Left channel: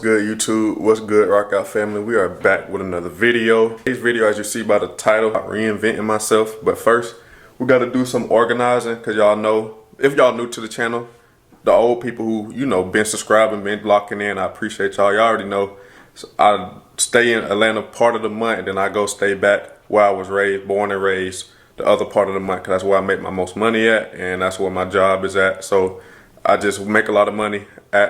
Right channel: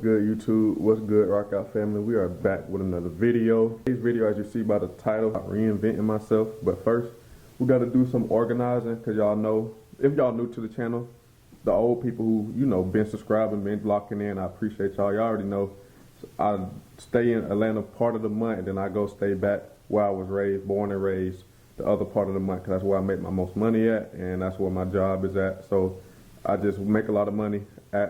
Good YouTube, what's good Rock Out family? We are back with another video. Today's video, as you see by the title, Reinventing Myself. But first, we got to do some organizing because y'all know, if y'all new to the channel, the old people who, been subscribing, been locking in, I appreciate y'all. Y'all already know, so I stay in Atlanta part of the month and then I go stay back where I was born and raised the other part of the month, because that's where I make my most money at and that's where my job is at. So I just make a lot of money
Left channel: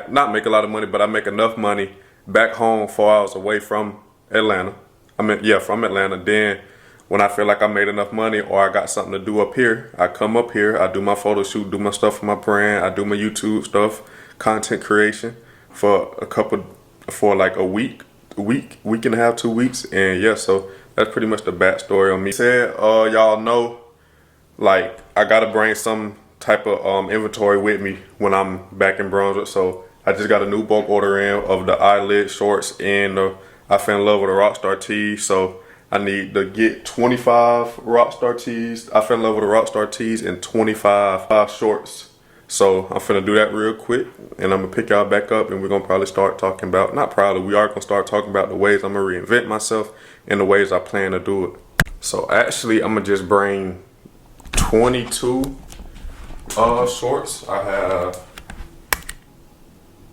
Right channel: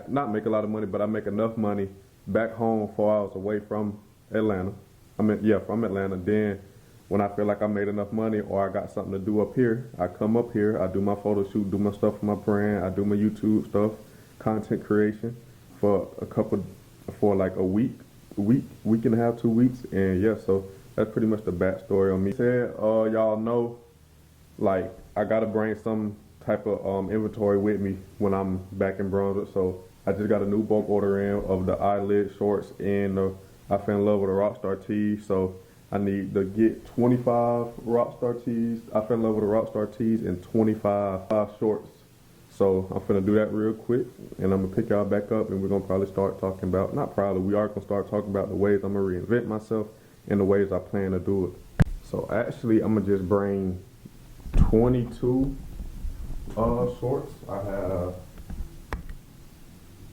not make a lot of money, but I make enough money back home 4 hours away from Atlanta. From Atlanta. Then when I feel like I made enough money or I got something to do up here, I come up here, I do my photo shoot, do my stuff for my brand, I do my YouTube stuff, content creation for like a week and a half, 2 weeks. And yeah, so that's pretty much the backstory on me. Y'all know, like, I gotta bring some type of inventory with me when I'm back in Brunswick. So I just got a new bulk order in of the eyelid shorts and I fell in love with the Rockstar tees. So I need to get 25 Rockstar tees. I fell in love with the Rockstar tees and 25 shorts. So I'm finna do that real quick and I'm gonna pick y'all back up and we're gonna probably start talking about, we are gonna start talking about the ways I'm gonna reinvent myself and the ways I plan to do it. So actually I'm gonna just bring 22 shorts. I have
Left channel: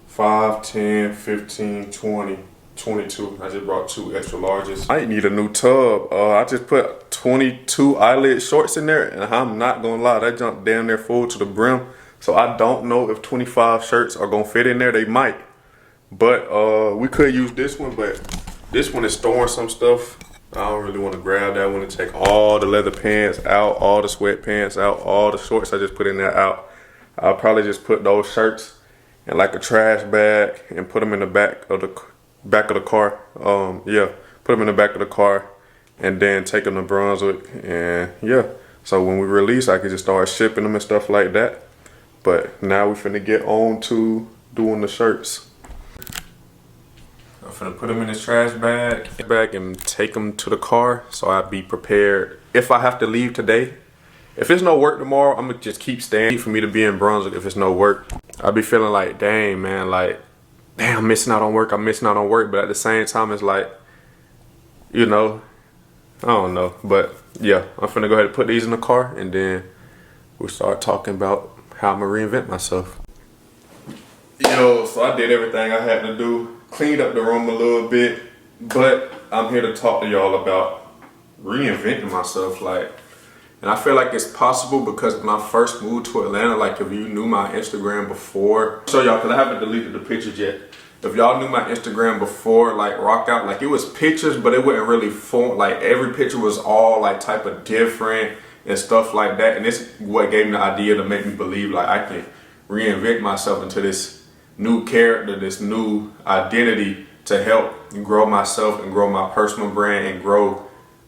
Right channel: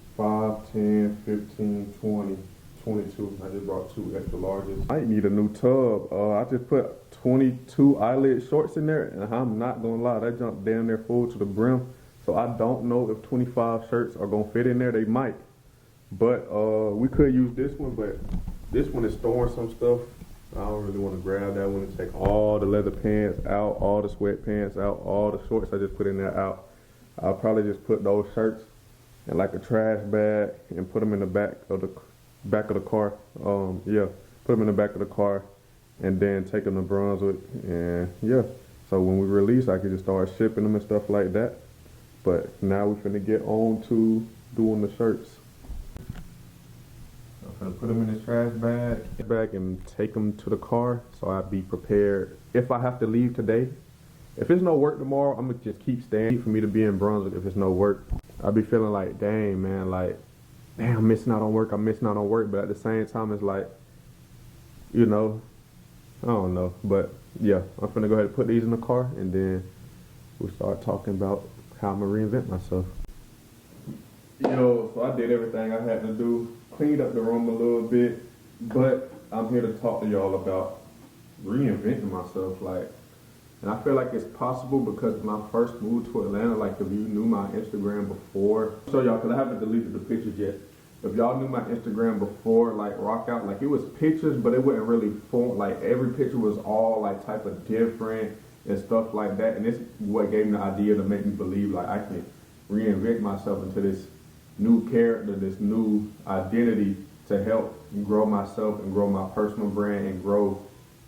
5, 10, 15, 20, 22. I just brought 2 extra larges. I need a new tub. I just put 22 eyelid shorts in there and I'm not gonna lie, that junk damn near full to the brim. So I don't know if 25 shirts are gonna fit in there. They might, but we could use this one, but this one is storing some stuff. I don't really want to grab that one and take all the leather pants out, all the sweatpants out, all the shorts I just put in there out. I'll probably just put those shirts in like a trash bag and put them in the back of the car. Put them in the back of the car and then take them to Brunswick. And yeah, so when we release, I can just start shipping them and stuff like that. But now we finna get on to doing the shirts. I'm finna put them in this trash bag and take them to the car so I'll be prepared if I have to leave today. If it's no work tomorrow, I'm gonna just keep staying for me to be in Brunswick. If it's no work, I'll be feeling like, dang man, like, damn, I'm missing out on work. But at the same time, it's like, I don't know. But yeah, I'm finna go ahead and put these in the car and then we'll start talking about how I'm gonna reinvent myself. So I did everything I had to do, cleaned up the room a little bit, but I'm here to talk to y'all about reinventing myself. And I feel like it's possible because when I first moved to Atlanta, like if you knew my Instagram before, show y'all because I haven't deleted the pictures yet. If y'all knew my Instagram before, like Rock Out, like it was pictures, but it wasn't really form. Like every picture was all like type of different and stuff like that. And this what gave me the idea to make me believe like I can reinvent myself into this new character, this new identity to help grow myself and grow my personal brand and grow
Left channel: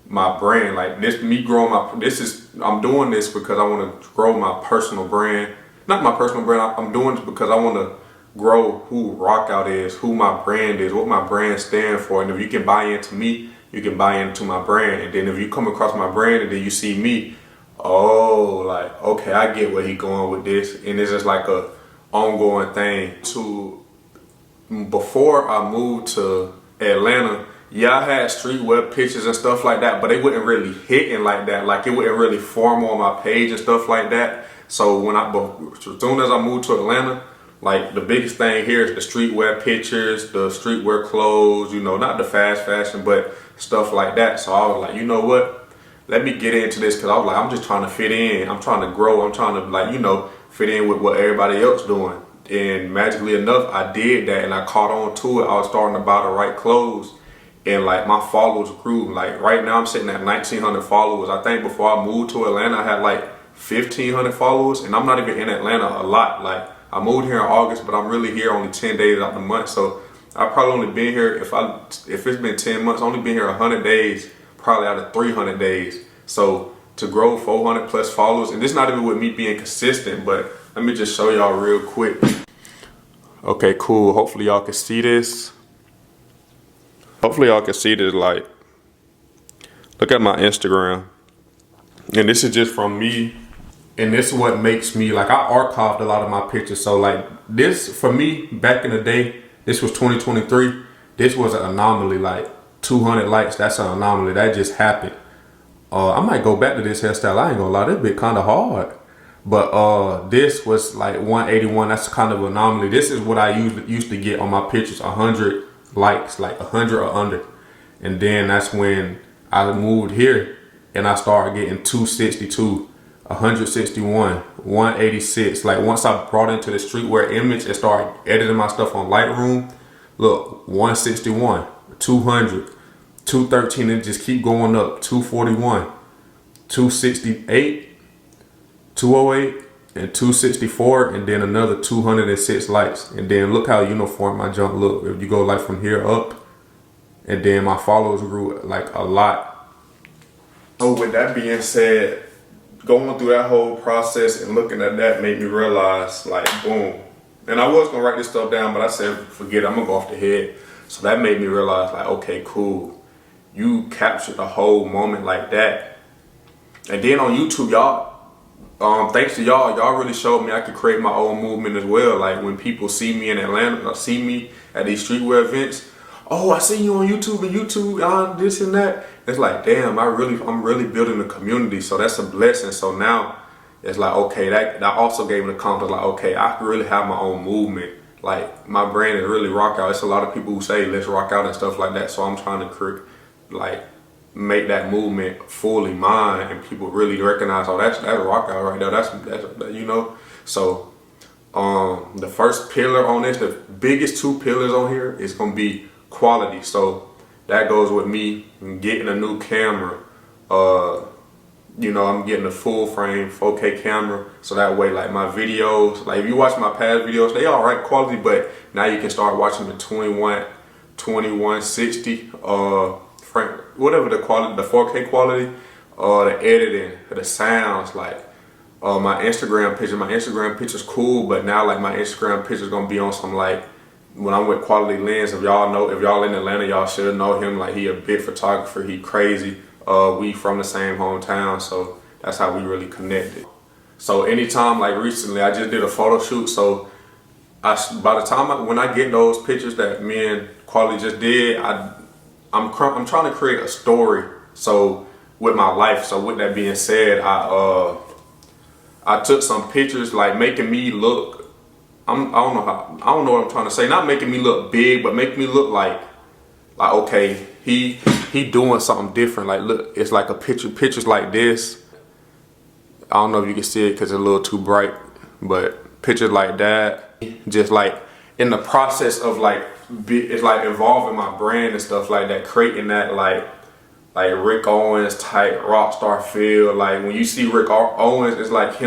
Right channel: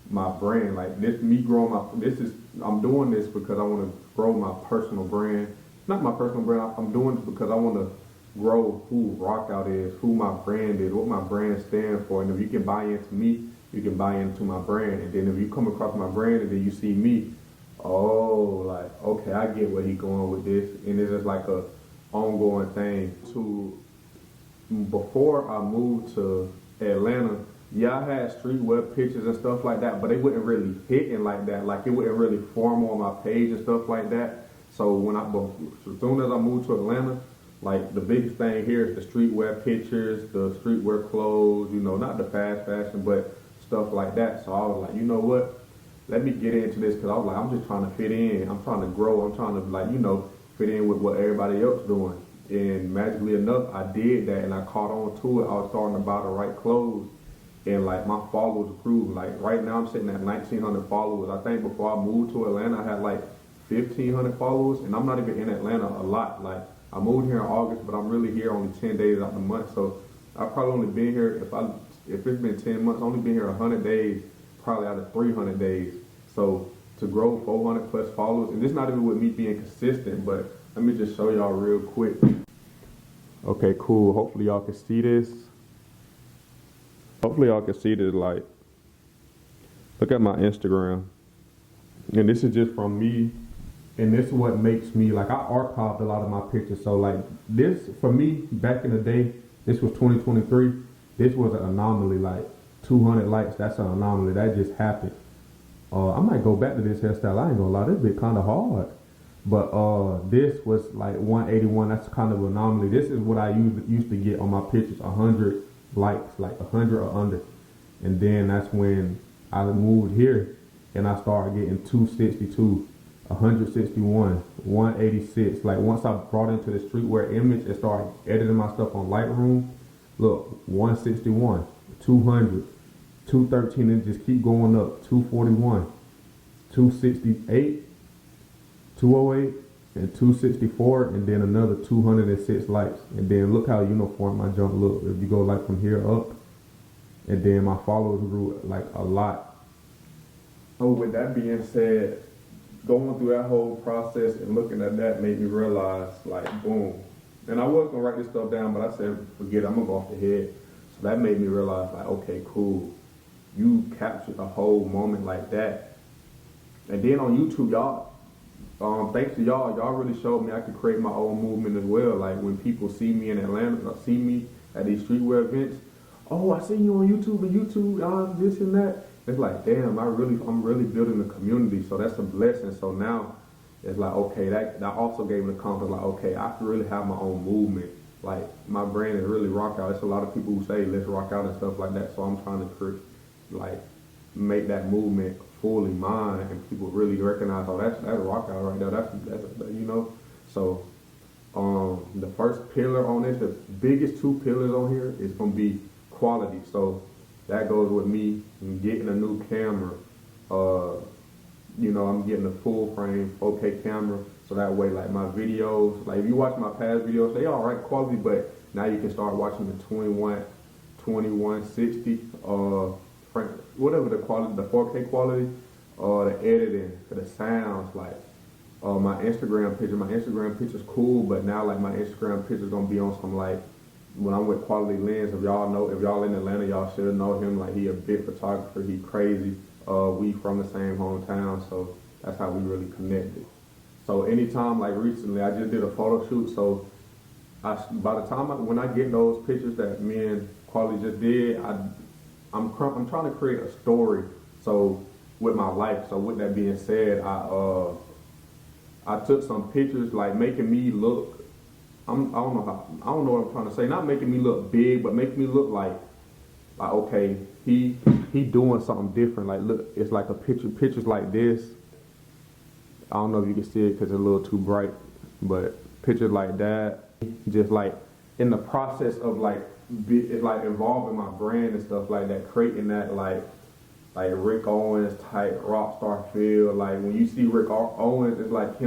my brand. Like I'm doing this because I want to grow my personal brand. Not my personal brand, I'm doing this because I want to grow who Rock Out is, who my brand is, what my brand stands for. And if you can buy into me, you can buy into my brand. And then if you come across my brand and then you see me, oh, like, okay, I get where he going with this. And it's just like a ongoing thing. Before I moved to Atlanta, yeah, I had streetwear pictures and stuff like that, but they wouldn't really hitting like that. Like it wouldn't really form on my page and stuff like that. So as soon as I moved to Atlanta, like the biggest thing here is the streetwear pictures, the streetwear clothes, not the fast fashion, but stuff like that. So I was like, you know what? Let me get into this because I was like, I'm just trying to fit in. I'm trying to grow. I'm trying to fit in with what everybody else doing. And magically enough, I did that and I caught on to it. I was starting to buy the right clothes and like my followers grew. Like right now I'm sitting at 1,900 followers. I think before I moved to Atlanta, I had like 1,500 followers and I'm not even in Atlanta a lot. Like I moved here in August, but I'm really here only 10 days out the month. So I've probably only been here, if it's been 10 months, only been here 100 days, probably out of 300 days. So to grow 400 plus followers, and this not even with me being consistent, but let me just show y'all real quick. Okay, cool. Hopefully y'all can see this. Like, look at my Instagram. And this is just from me. And this is what makes me, like I archived a lot of my pictures. So like this, for me, back in the day, This was 2023. This was an anomaly. Like 200 likes, that's an anomaly. That just happened. I might go back to this hairstyle. I ain't gonna lie, that bit kind of hard. But this was like 181. That's kind of an anomaly. This is what I used to get on my pictures, 100 likes, like 100 or under. And then that's when I moved here and I started getting 262, 161, 186. Like once I brought into the streetwear image and started editing my stuff on Lightroom, look, 161, 200, 213, and just keep going up, 241, 268, 208, and 264, and then another 206 likes. And then look how uniform my jump look. If you go like from here up, and then my followers grew like a lot. So with that being said, going through that whole process and looking at that made me realize, like, boom. And I was gonna write this stuff down, but I said, forget it, I'm gonna go off the head. So that made me realize, like, okay, cool. You captured the whole moment like that. And then on YouTube, y'all, thanks to y'all really showed me I could create my own movement as well. Like when people see me in Atlanta, or see me at these streetwear events, oh, I see you on YouTube and YouTube, this and that. It's like, damn, I'm really building a community. So that's a blessing. So now it's like, okay, that also gave me the confidence, like, okay, I can really have my own movement. Like my brand is really rock out. It's a lot of people who say let's rock out and stuff like that. So I'm trying to create, like, make that movement fully mine, and people really recognize, oh, that's rock out right there. That's So the first pillar on this, the biggest two pillars on here is gonna be quality. So that goes with me getting a new camera. I'm getting a full frame 4K camera, so that way, like, my videos, like if you watch my past videos, they all right quality, but now you can start watching the 2160 frame, whatever the quality, the 4K quality, the editing, the sounds, like my Instagram picture's cool, but now like my Instagram picture's gonna be on some, like, when I'm with Quality Lens, if y'all in Atlanta, y'all should know him. Like, he a big photographer, he crazy. We from the same hometown, so that's how we really connected. So anytime, like recently, I just did a photo shoot. So by the time when I get those pictures that me and Quality just did, I'm trying to create a story. So with my life. So with that being said, I took some pictures, like making me look. I don't know what I'm trying to say. Not making me look big, but making me look like okay, he doing something different. Like, look, it's like a pictures like this. I don't know if you can see it because it's a little too bright, but pictures like that, just like in the process of it's like evolving my brand and stuff like that, creating that like Rick Owens type rock star feel. Like when you see Rick Owens, it's like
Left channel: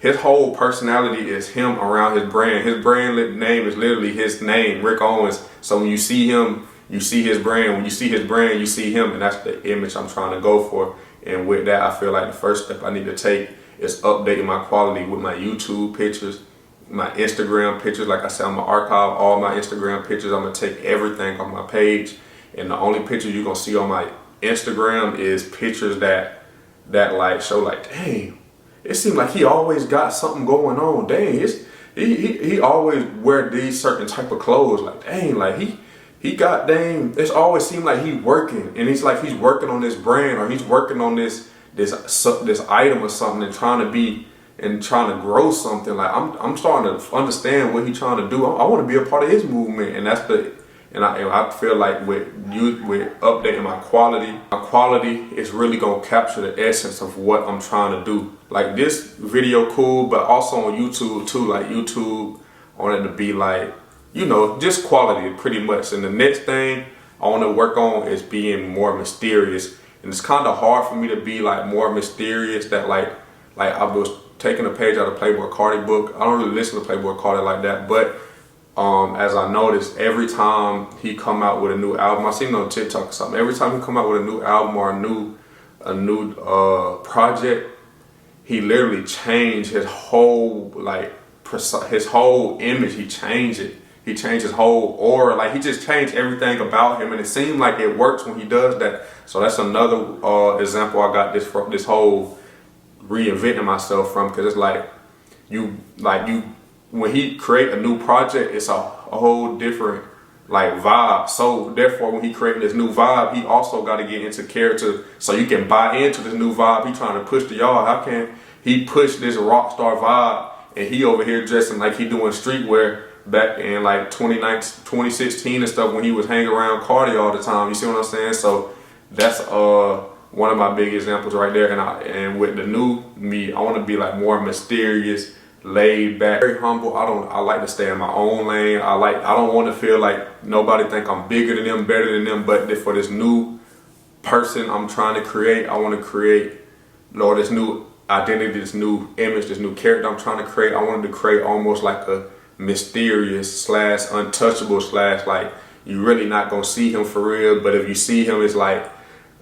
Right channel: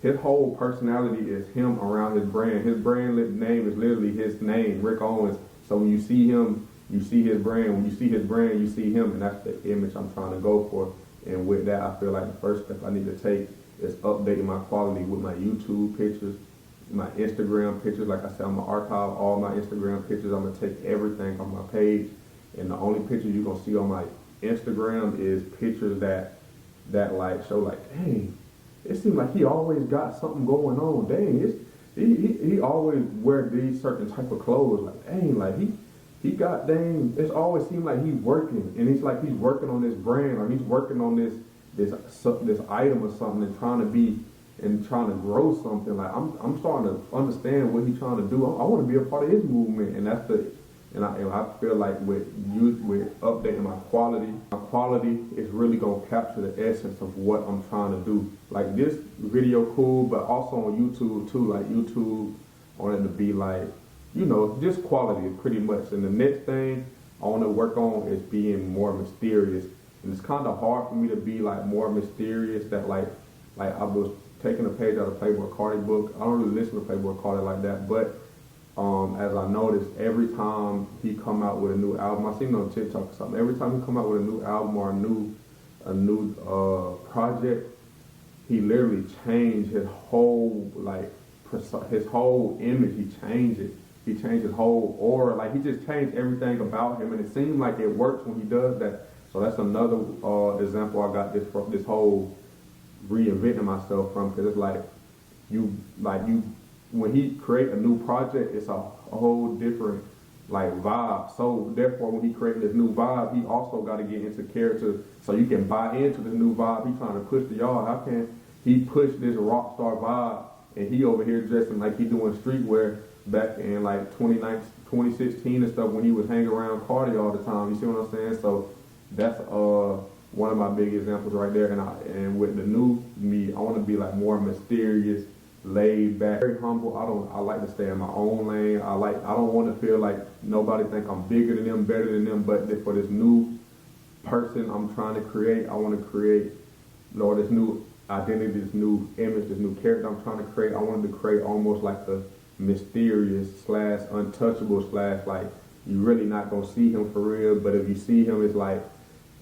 his whole personality is him around his brand. His brand name is literally his name, Rick Owens. So when you see him, you see his brand. When you see his brand, you see him, and that's the image I'm trying to go for. And with that, I feel like the first step I need to take is updating my quality with my YouTube pictures, my Instagram pictures. Like I said, I'm gonna archive all my Instagram pictures. I'm gonna take everything on my page, and the only picture you're gonna see on my Instagram is pictures that like show, like, dang, it seems like he always got something going on. Dang, he always wear these certain type of clothes. Like, dang, like he got, dang, it's always seemed like he working, and it's like he's working on this brand, or he's working on this item or something, and trying to grow something. Like I'm starting to understand what he's trying to do. I want to be a part of his movement, and I feel like with updating my quality is really gonna capture the essence of what I'm trying to do. Like this video cool, but also on YouTube too. Like YouTube, I want it to be like, just quality pretty much. And the next thing I want to work on is being more mysterious. And it's kind of hard for me to be like more mysterious. That like I was taking a page out of Playboy Carti book. I don't really listen to Playboy Carti like that, but as I noticed, every time he come out with a new album, I seen it on TikTok or something. Every time he come out with a new album or a new project, he literally changed his whole image. He changed it. He changed his whole aura. Like, he just changed everything about him, and it seemed like it works when he does that. So that's another example I got this whole reinventing myself from, because it's like you when he create a new project, it's a a whole different like vibe. So therefore, when he created this new vibe, he also got to get into character so you can buy into this new vibe he trying to push to y'all. How can he push this rock star vibe and he over here dressing like he doing streetwear back in like 2016 and stuff when he was hanging around Cardi all the time? You see what I'm saying? So that's one of my big examples right there. And with the new me, I want to be like more mysterious, laid back, very humble. I like to stay in my own lane. I don't want to feel like nobody think I'm bigger than them, better than them. But for this new person I'm trying to create, I want to create, Lord, this new identity, this new image, this new character I'm trying to create. I wanted to create almost like a mysterious / untouchable / like you really not gonna see him for real, but if you see him, it's like,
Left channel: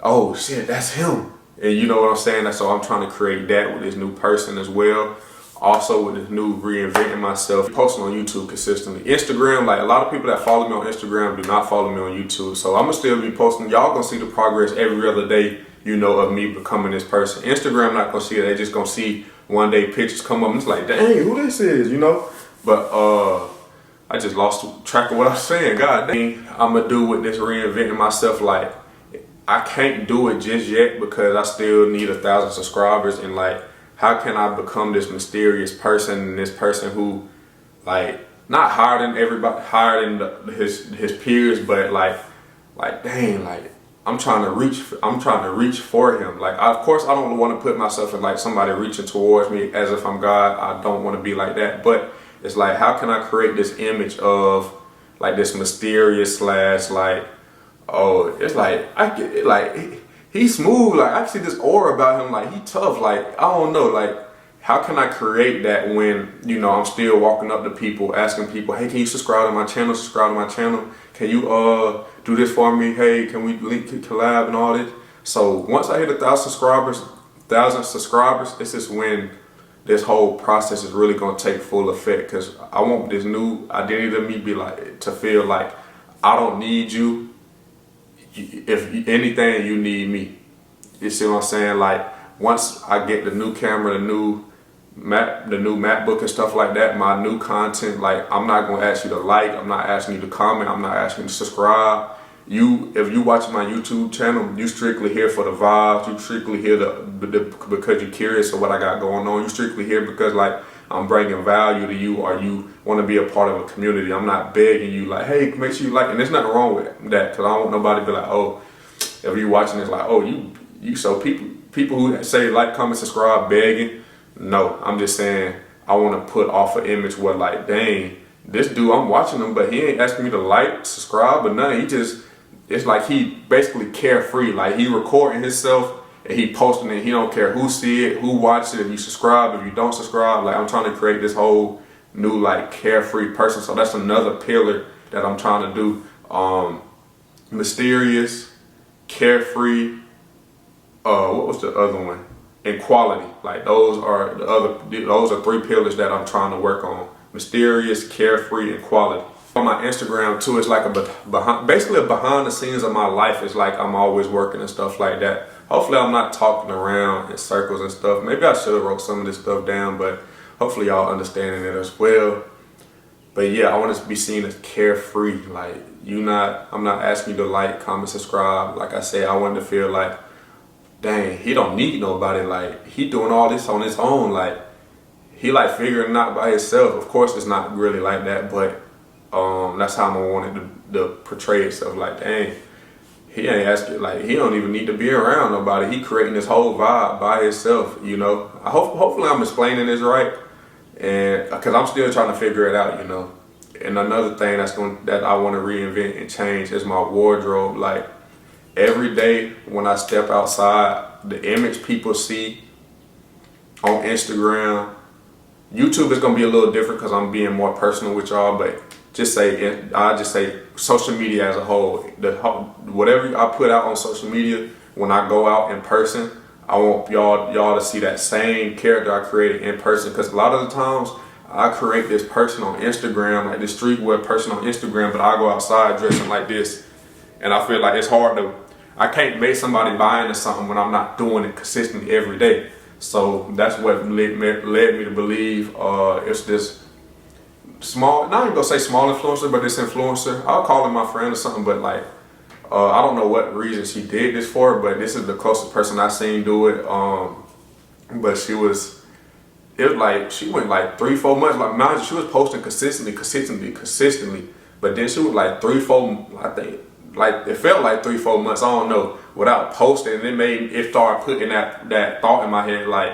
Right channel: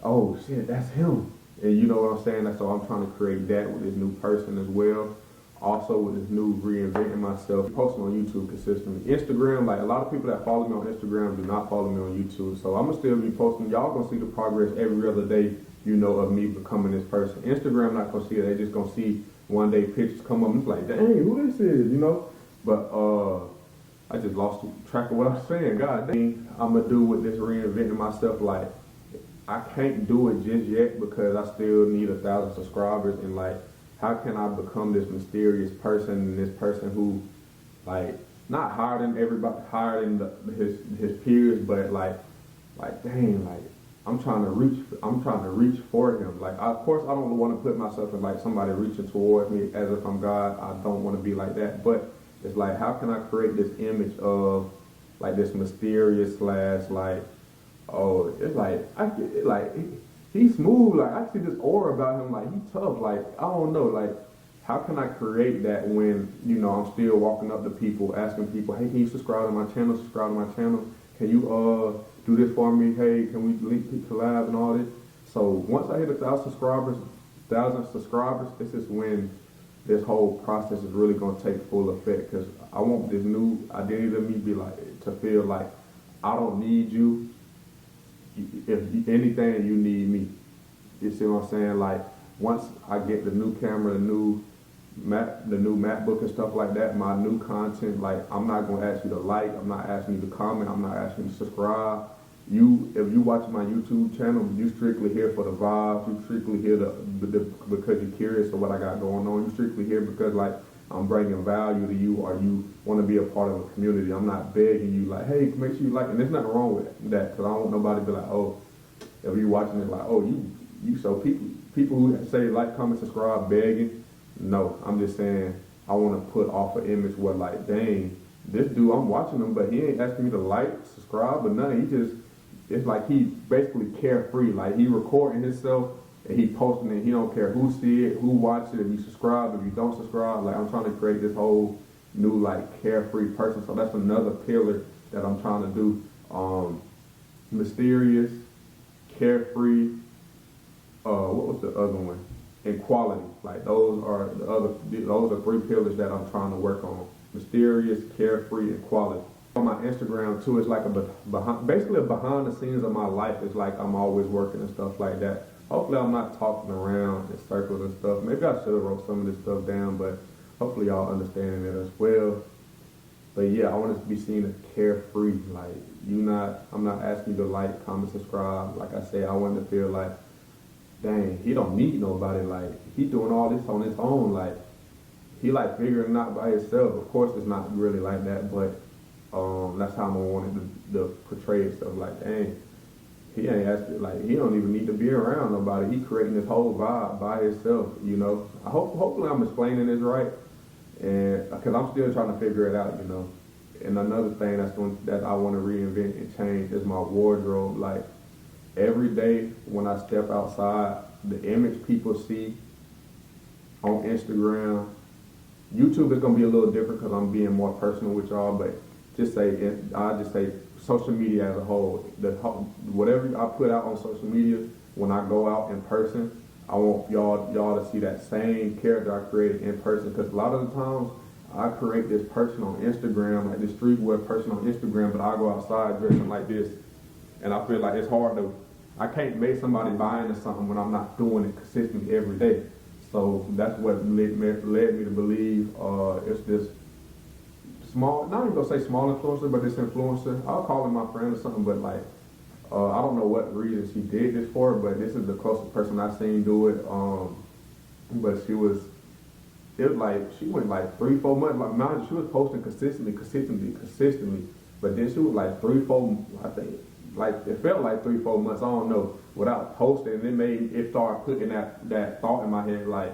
oh shit, that's him. And you know what I'm saying? So I'm trying to create that with this new person as well. Also with this new Reinventing Myself, posting on YouTube consistently. Instagram, like a lot of people that follow me on Instagram do not follow me on YouTube. So I'm gonna still be posting. Y'all gonna see the progress every other day, you know, of me becoming this person. Instagram not gonna see it. They just gonna see one day pictures come up and it's like, dang, who this is, you know? But I just lost track of what I was saying. God dang, I'm gonna do with this Reinventing Myself. Like, I can't do it just yet because I still need 1,000 subscribers. And like, how can I become this mysterious person and this person who, like, not higher than everybody, higher than his peers, but like dang, like I'm trying to reach for him. Like, of course, I don't want to put myself in like somebody reaching towards me as if I'm God. I don't want to be like that. But it's like, how can I create this image of like this mysterious / like, oh, it's like I get it, like he's smooth. Like I see this aura about him. Like he tough. Like I don't know. Like how can I create that when, you know, I'm still walking up to people, asking people, hey, can you subscribe to my channel? Subscribe to my channel. Can you do this for me? Hey, can we link collab and all this? So once I hit 1,000 subscribers, this is when this whole process is really gonna take full effect. Cause I want this new identity to me be like to feel like I don't need you. If anything, you need me. You see what I'm saying? Like once I get the new camera, the new MacBook and stuff like that, my new content, like I'm not gonna ask you to like, I'm not asking you to comment, I'm not asking you to subscribe. If you watch my YouTube channel, you strictly here for the vibes, you strictly here because you're curious of what I got going on. You strictly here because like I'm bringing value to you or you want to be a part of a community. I'm not begging you like, hey, make sure you like, and there's nothing wrong with that because I don't want nobody to be like, oh, if you're watching this like, oh, you so people who say like, comment, subscribe, begging. No, I'm just saying I want to put off an image where like, dang, this dude, I'm watching him, but he ain't asking me to like, subscribe, or nothing. He just, it's like he basically carefree. Like he recording himself and he posting it. He don't care who see it, who watch it, if you subscribe, if you don't subscribe. Like I'm trying to create this whole new like carefree person. So that's another pillar that I'm trying to do. Mysterious, carefree, what was the other one? And quality. Like those are 3 pillars that I'm trying to work on. Mysterious, carefree, and quality. On my Instagram too, it's like basically a behind the scenes of my life. It's like I'm always working and stuff like that. Hopefully I'm not talking around in circles and stuff. Maybe I should have wrote some of this stuff down, but hopefully y'all understanding it as well. But yeah, I want to be seen as carefree. Like I'm not asking you to like, comment, subscribe. Like I said, I want to feel like, dang, he don't need nobody. Like he doing all this on his own. Like he like figuring it out by himself. Of course, it's not really like that, but that's how I'm gonna want it to portray itself. Like, dang, he ain't asking. Like he don't even need to be around nobody. He creating this whole vibe by himself. You know. Hopefully I'm explaining this right, and because I'm still trying to figure it out. You know. And another thing that I want to reinvent and change is my wardrobe. Like every day when I step outside, the image people see on Instagram, YouTube is gonna be a little different because I'm being more personal with y'all. But I just say social media as a whole. Whatever I put out on social media, when I go out in person, I want y'all to see that same character I created in person. Because a lot of the times I create this person on Instagram, like this streetwear person on Instagram, but I go outside dressing like this, and I feel like it's hard to. I can't make somebody buy into something when I'm not doing it consistently every day. So that's what led me to believe it's this small, not even gonna say small influencer, but this influencer. I'll call him my friend or something, but like, I don't know what reason she did this for, but this is the closest person I seen do it. But it was like, she went like 3-4 months, like mind you, she was posting consistently, but then she was like 3-4, I think, like it felt like 3-4 months, I don't know, without posting, and it started putting that thought in my head, like,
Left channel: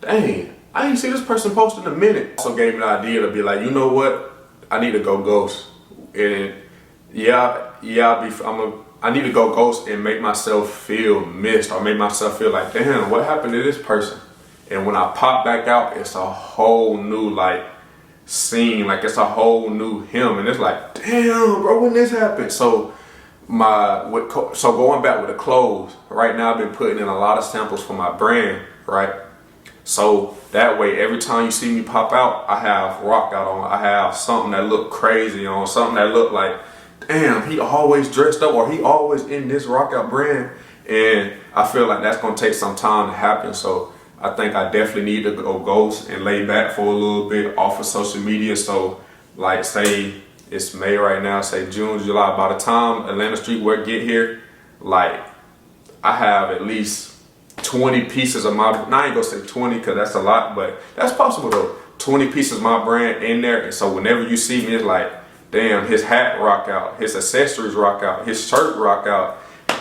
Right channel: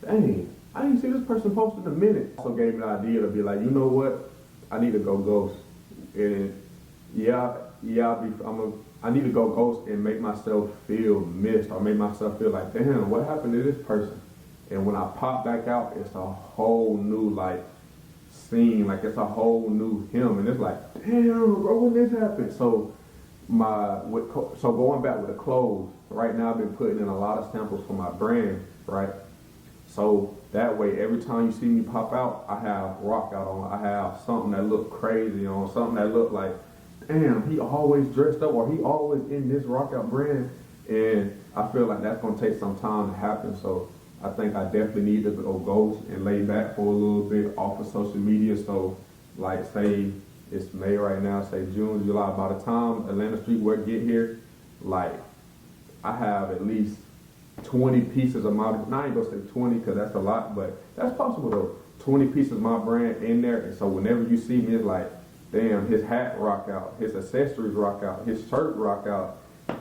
dang, I ain't see this person post in a minute. So gave me the idea to be like, you know what, I need to go ghost, and I need to go ghost and make myself feel missed, or make myself feel like, damn, what happened to this person? And when I pop back out, it's a whole new like scene, like it's a whole new him, and it's like, damn, bro, when this happened? So going back with the clothes, right now I've been putting in a lot of samples for my brand, right? So that way, every time you see me pop out, I have rock out on, I have something that look crazy on, something that look like, damn, he always dressed up, or he always in this rock out brand. And I feel like that's gonna take some time to happen. So I think I definitely need to go ghost and lay back for a little bit off of social media. So like, say it's May right now, say June, July, by the time Atlanta Streetwear get here, like I have at least 20 pieces of my, now I ain't gonna say 20 cause that's a lot, but that's possible though. 20 pieces of my brand in there. And so whenever you see me, it's like, damn, his hat rock out, his accessories rock out, his shirt rock out,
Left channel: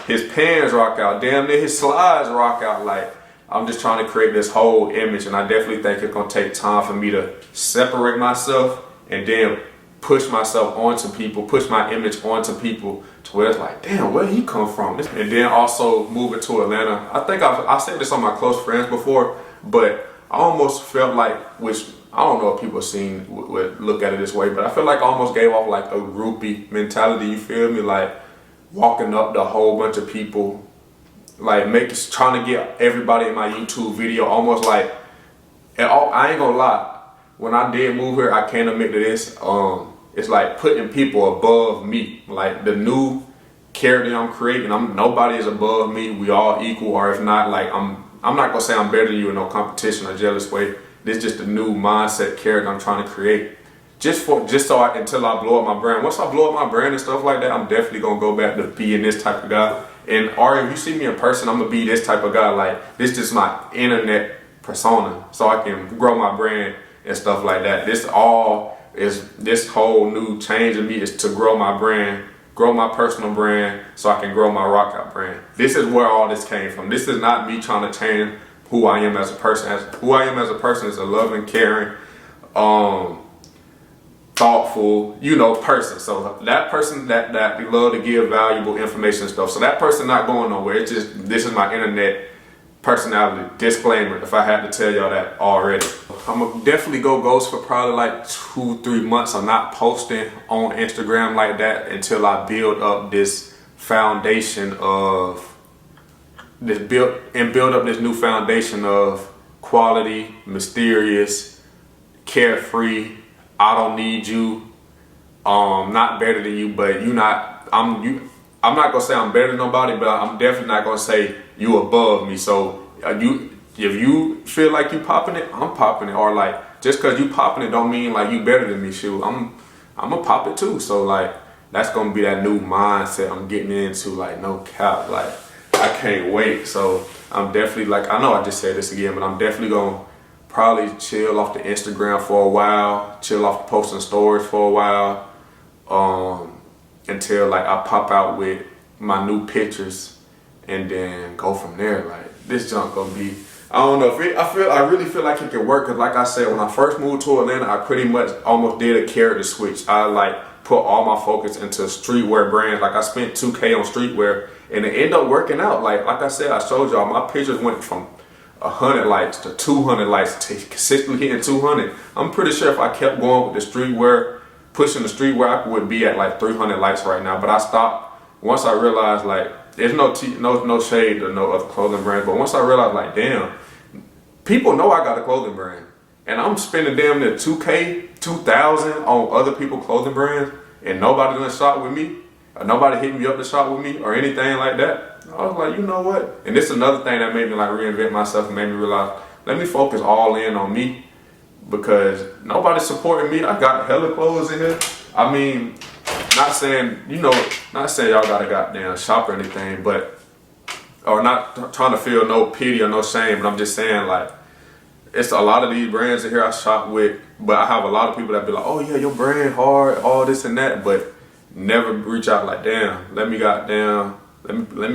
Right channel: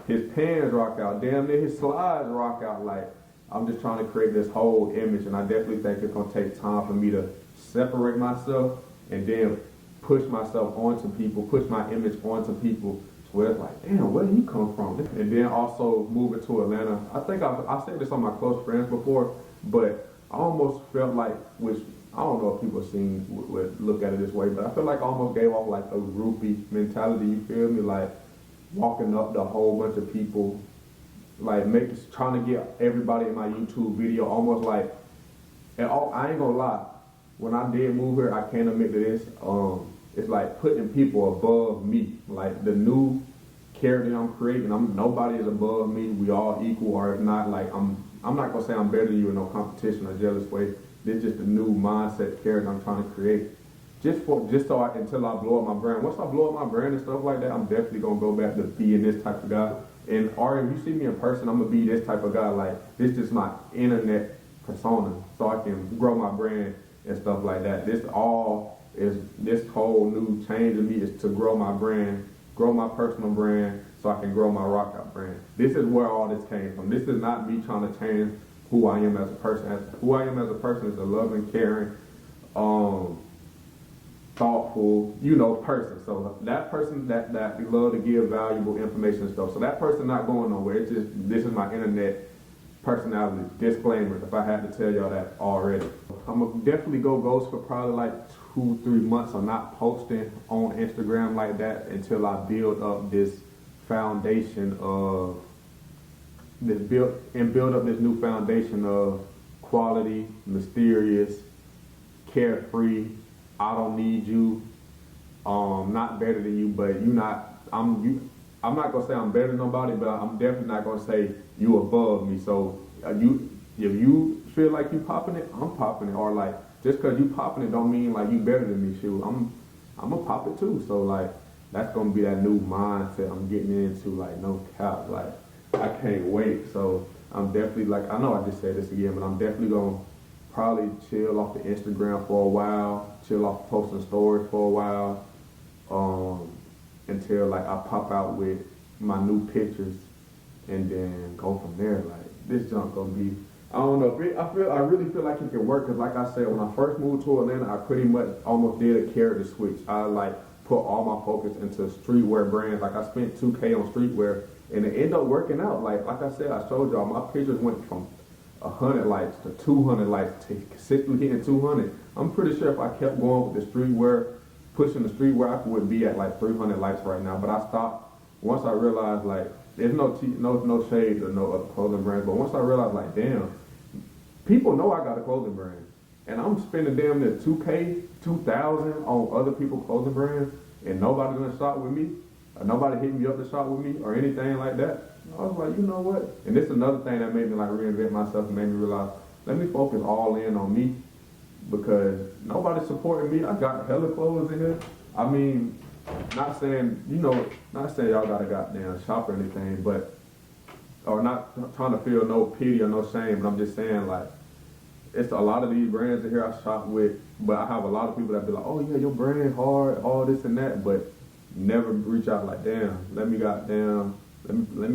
his pants rock out, damn near his slides rock out. Like, I'm just trying to create this whole image, and I definitely think it's gonna take time for me to separate myself and then push myself onto people, push my image onto people to where it's like, damn, where he come from? And then also moving to Atlanta. I think I said this on my close friends before, but I almost felt like, which I don't know if people would look at it this way, but I feel like I almost gave off like a groupie mentality, you feel me? Like walking up to a whole bunch of people, like trying to get everybody in my YouTube video, almost like, and I ain't gonna lie, when I did move here, I can't admit to this, it's like putting people above me, like the new character I'm creating, nobody is above me, we all equal, or if not, like I'm not gonna say I'm better than you in no competition or jealous way. This is just the new mindset character I'm trying to create. Until I blow up my brand. Once I blow up my brand and stuff like that, I'm definitely gonna go back to being this type of guy. And if you see me in person, I'm gonna be this type of guy. Like, this is just my internet persona, so I can grow my brand and stuff like that. This whole new change in me is to grow my brand, grow my personal brand, so I can grow my rock out brand. This is where all this came from. This is not me trying to change who I am as a person. Who I am as a person is a loving, caring, thoughtful, person. So that person that love to give valuable information and stuff. So that person not going nowhere. It's just, this is my internet personality. Disclaimer, if I had to tell y'all that already. I'm gonna definitely go ghost for probably like 2-3 months. I'm not posting on Instagram like that until I build up this foundation of build up this new foundation of quality, mysterious, carefree. I don't need you. Not better than you, but I'm not gonna say I'm better than nobody, but I'm definitely not gonna say you above me. So if you feel like you popping it, I'm popping it. Or like, just cause you popping it don't mean like you better than me. Shoot, I'm gonna pop it too. So like, that's gonna be that new mindset I'm getting into. Like, no cap, like I can't wait. So I'm definitely, like, I know I just said this again, but I'm definitely gonna probably chill off the Instagram for a while, chill off posting stories for a while, until like I pop out with my new pictures, and then go from there. Like, this junk gonna be, I don't know, I really feel like it can work, cause like I said, when I first moved to Atlanta, I pretty much almost did a character switch. I like put all my focus into streetwear brands. Like, I spent $2K on streetwear, and it ended up working out. Like I said, I showed y'all, my pictures went from 100 likes to 200 likes to consistently hitting 200. I'm pretty sure if I kept going with the streetwear, pushing the streetwear, I would be at like 300 likes right now. But I stopped once I realized, like, there's no shade or no other clothing brand. But once I realized, like, damn, people know I got a clothing brand, and I'm spending damn near 2K, 2,000 on other people's clothing brands, and nobody done shop with me, or nobody hit me up to shop with me, or anything like that. I was like, you know what? And this is another thing that made me like reinvent myself and made me realize, let me focus all in on me, because nobody's supporting me. I got hella clothes in here. I mean, not saying, not saying y'all gotta goddamn shop or anything, but, or not trying to feel no pity or no shame, but I'm just saying, like, it's a lot of these brands in here I shop with, but I have a lot of people that be like, oh yeah, your brand hard, all this and that, but never reach out like, damn, let me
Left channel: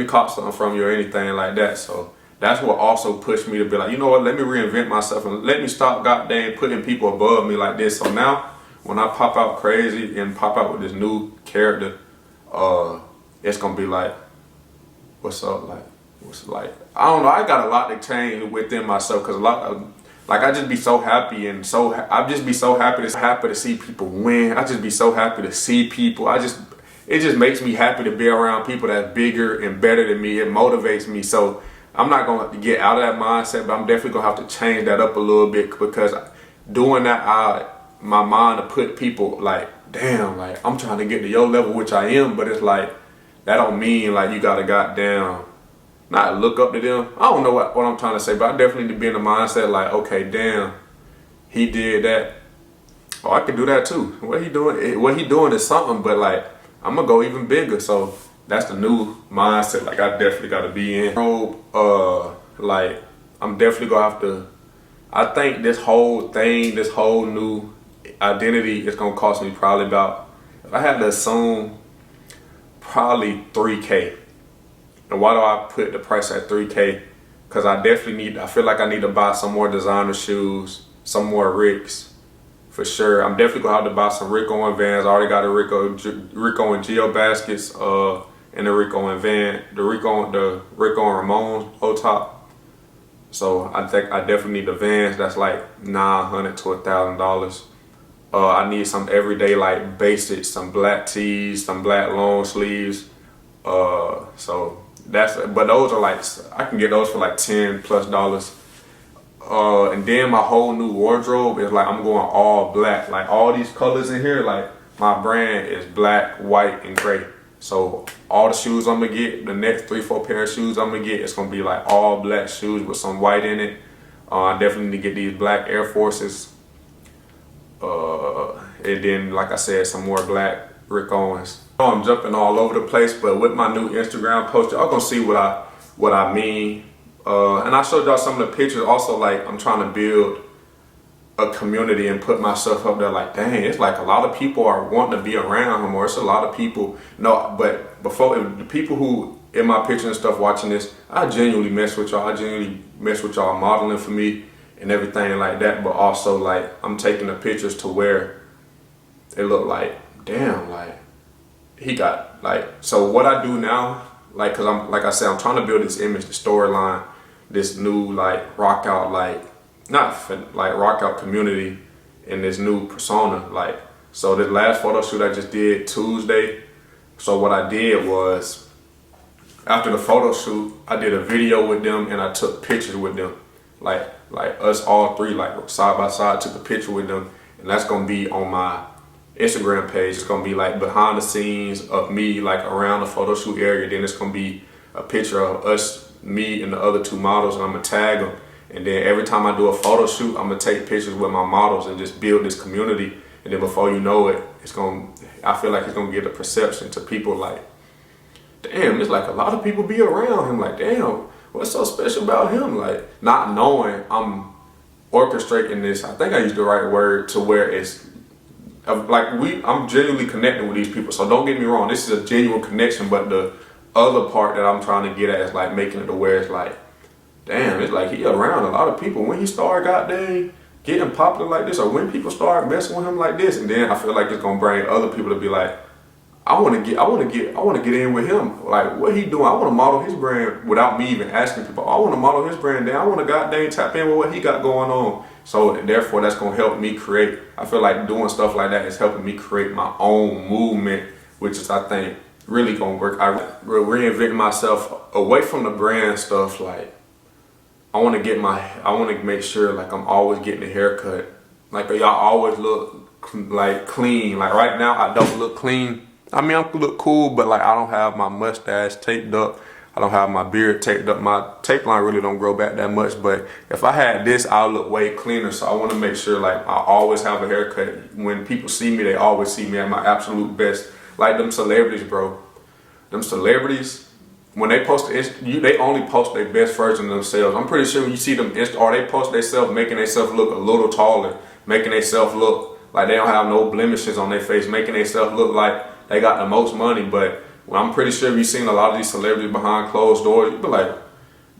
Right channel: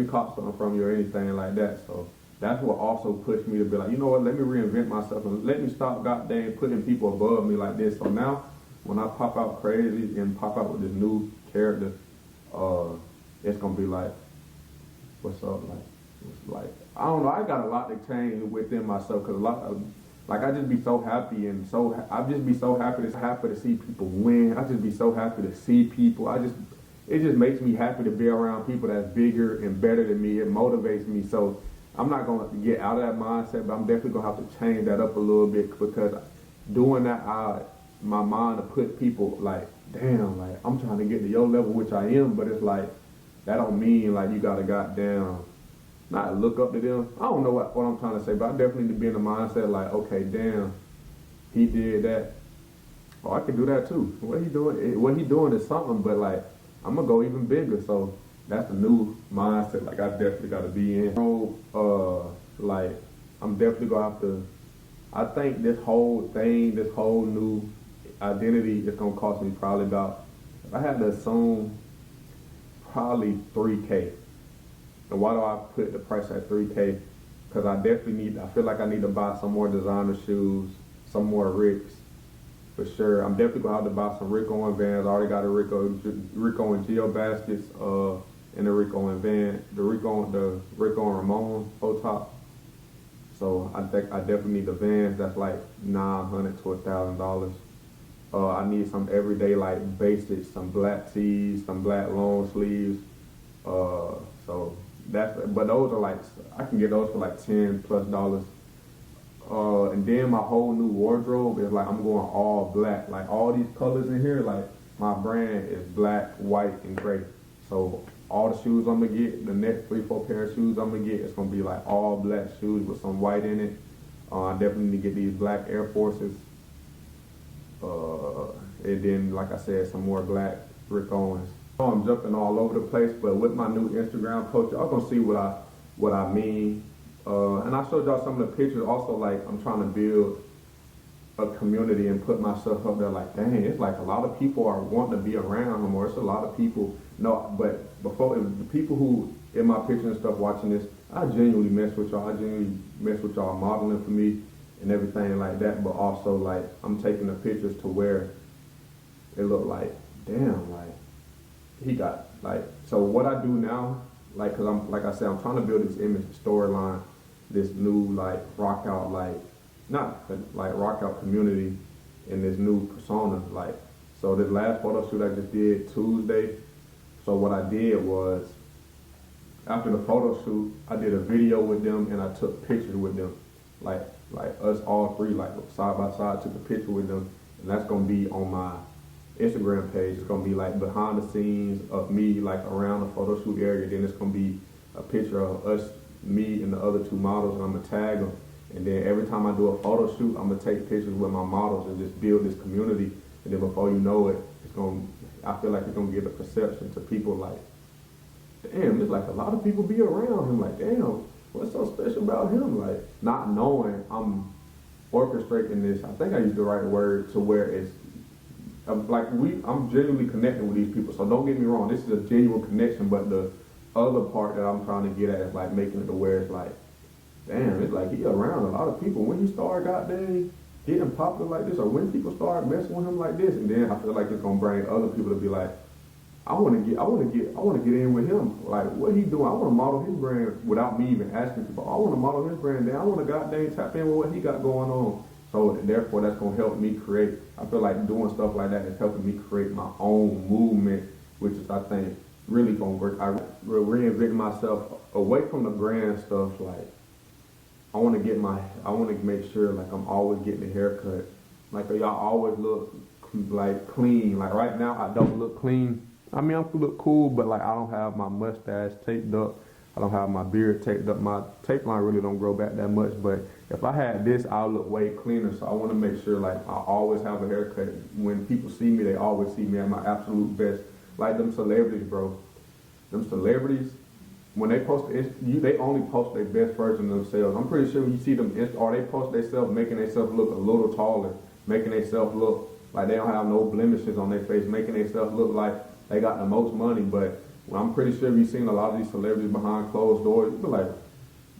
cop something from you or anything like that. So that's what also pushed me to be like, you know what, let me reinvent myself and let me stop goddamn putting people above me like this. So now when I pop out crazy and pop out with this new character, it's gonna be like, what's up, like, I don't know, I got a lot to change within myself, because a lot of, like, I just be so happy and I just be so happy to see people win. I just be so happy to see people. It just makes me happy to be around people that's bigger and better than me. It motivates me. So I'm not gonna get out of that mindset, but I'm definitely gonna have to change that up a little bit, because doing that, my mind to put people like, damn, like, I'm trying to get to your level, which I am, but it's like, that don't mean like you gotta goddamn not look up to them. I don't know what I'm trying to say, but I definitely need to be in the mindset like, okay, damn, he did that. Oh, I can do that too. What he doing is something, but like, I'm gonna go even bigger. So that's the new mindset. Like, I definitely gotta be in. Like, I'm definitely gonna have to, I think this whole thing, this whole new identity is gonna cost me probably about, if I had to assume, probably $3K. And why do I put the price at $3K? Because I feel like I need to buy some more designer shoes, some more Ricks, for sure. I'm definitely gonna have to buy some Rico and Vans. I already got a Rico and Geo baskets, and the Rico and the Rico and Ramon low top. So I think I definitely need the Vans. That's like $900 to $1,000. I need some everyday like basics, some black tees, some black long sleeves. So but those are like, I can get those for like $10+. And then my whole new wardrobe is like, I'm going all black. Like, all these colors in here, like, my brand is black, white, and gray. So all the shoes I'm gonna get, the next 3-4 pair of shoes I'm gonna get, it's gonna be like all black shoes with some white in it. I definitely need to get these black Air Forces. And then, like I said, some more black Rick Owens. I'm jumping all over the place, but with my new Instagram post, y'all gonna see what I mean. And I showed y'all some of the pictures. Also, like, I'm trying to build a community and put myself up there. Like, dang, it's like a lot of people are wanting to be around him, or it's a lot of people. No, but before, the people who in my picture and stuff watching this, I genuinely mess with y'all. I genuinely mess with y'all modeling for me and everything like that. But also, like, I'm taking the pictures to where it look like, damn, like, he got, like, so what I do now, like, cause like I said, I'm trying to build this image, the storyline, this new, like, rock out, like, not for, like, rock out community in this new persona. Like, so the last photo shoot I just did Tuesday. So what I did was, after the photo shoot, I did a video with them and I took pictures with them. Like us all three, like, side by side, took a picture with them. And that's gonna be on my Instagram page. It's gonna be like behind the scenes of me, like around the photo shoot area. Then it's gonna be a picture of us, me and the other 2 models, and I'm gonna tag them. And then every time I do a photo shoot, I'm gonna take pictures with my models and just build this community. And then before you know it, I feel like it's gonna get a perception to people like, damn, it's like a lot of people be around him. Like, damn, what's so special about him? Like, not knowing I'm orchestrating this, I think I used the right word, to where it's like, I'm genuinely connecting with these people. So don't get me wrong, this is a genuine connection, but the other part that I'm trying to get at is like making it to where it's like, damn, it's like he around a lot of people. When he started goddamn getting popular like this, or when people start messing with him like this, and then I feel like it's gonna bring other people to be like, I wanna get in with him. Like, what he doing? I wanna model his brand without me even asking people. I wanna model his brand down. I wanna goddamn tap in with what he got going on. So therefore, that's gonna help me create. I feel like doing stuff like that is helping me create my own movement, which is, I think, really gonna work. I reinventing myself away from the brand stuff. Like, I want to make sure, like, I'm always getting a haircut. Like, y'all always look like clean. Like, right now I don't look clean. I mean, I look cool, but like, I don't have my mustache taped up. I don't have my beard taped up. My tape line really don't grow back that much, but if I had this, I'll look way cleaner. So I want to make sure like I always have a haircut. When people see me, they always see me at my absolute best. Like them celebrities, bro. Them celebrities, when they post they only post their best version of themselves. I'm pretty sure when you see them, or they post themselves making themselves look a little taller, making themselves look like they don't have no blemishes on their face, making themselves look like they got the most money. But I'm pretty sure you've seen a lot of these celebrities behind closed doors, you'd be like,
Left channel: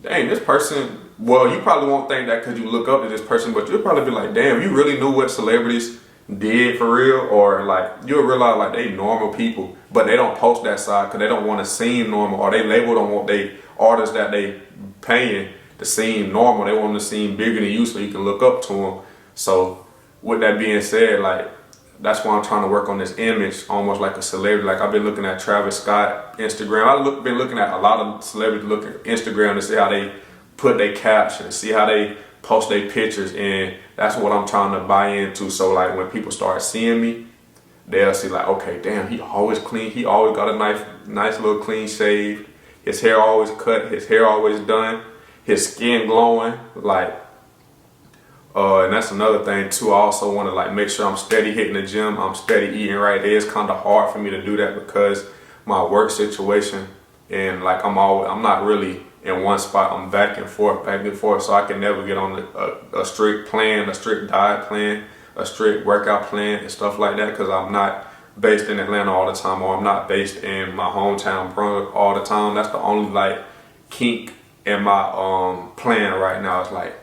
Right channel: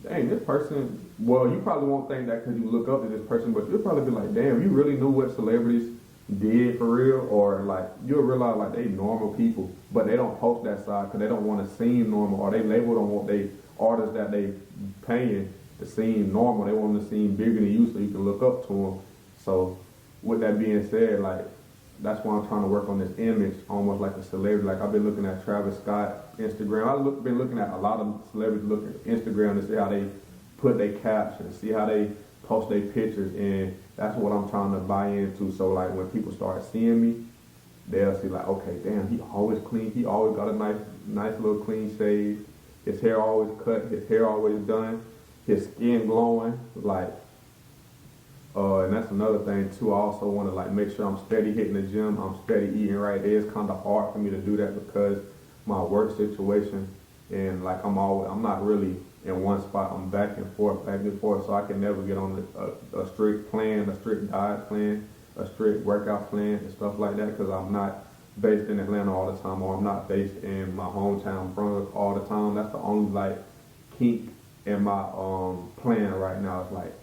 dang, this person, well, you probably won't think that because you look up to this person, but you'll probably be like, damn, you really knew what celebrities did for real? Or like, you'll realize like they normal people, but they don't post that side because they don't want to seem normal, or they label don't want they artists that they paying to seem normal. They want them to seem bigger than you so you can look up to them. So with that being said, like, that's why I'm trying to work on this image, almost like a celebrity. Like I've been looking at Travis Scott Instagram. I've been looking at a lot of celebrities, look at Instagram to see how they put their captions, see how they post their pictures, and that's what I'm trying to buy into. So like when people start seeing me, they'll see like, okay, damn, he always clean. He always got a nice little clean shave. His hair always cut. His hair always done. His skin glowing. Like. And that's another thing too. I also want to like make sure I'm steady hitting the gym. I'm steady eating right. It is kind of hard for me to do that because my work situation, and like I'm not really in one spot. I'm back and forth. So I can never get on a strict plan, a strict diet plan, a strict workout plan and stuff like that, because I'm not based in Atlanta all the time, or I'm not based in my hometown Brunswick all the time. That's the only like kink in my plan right now. Is like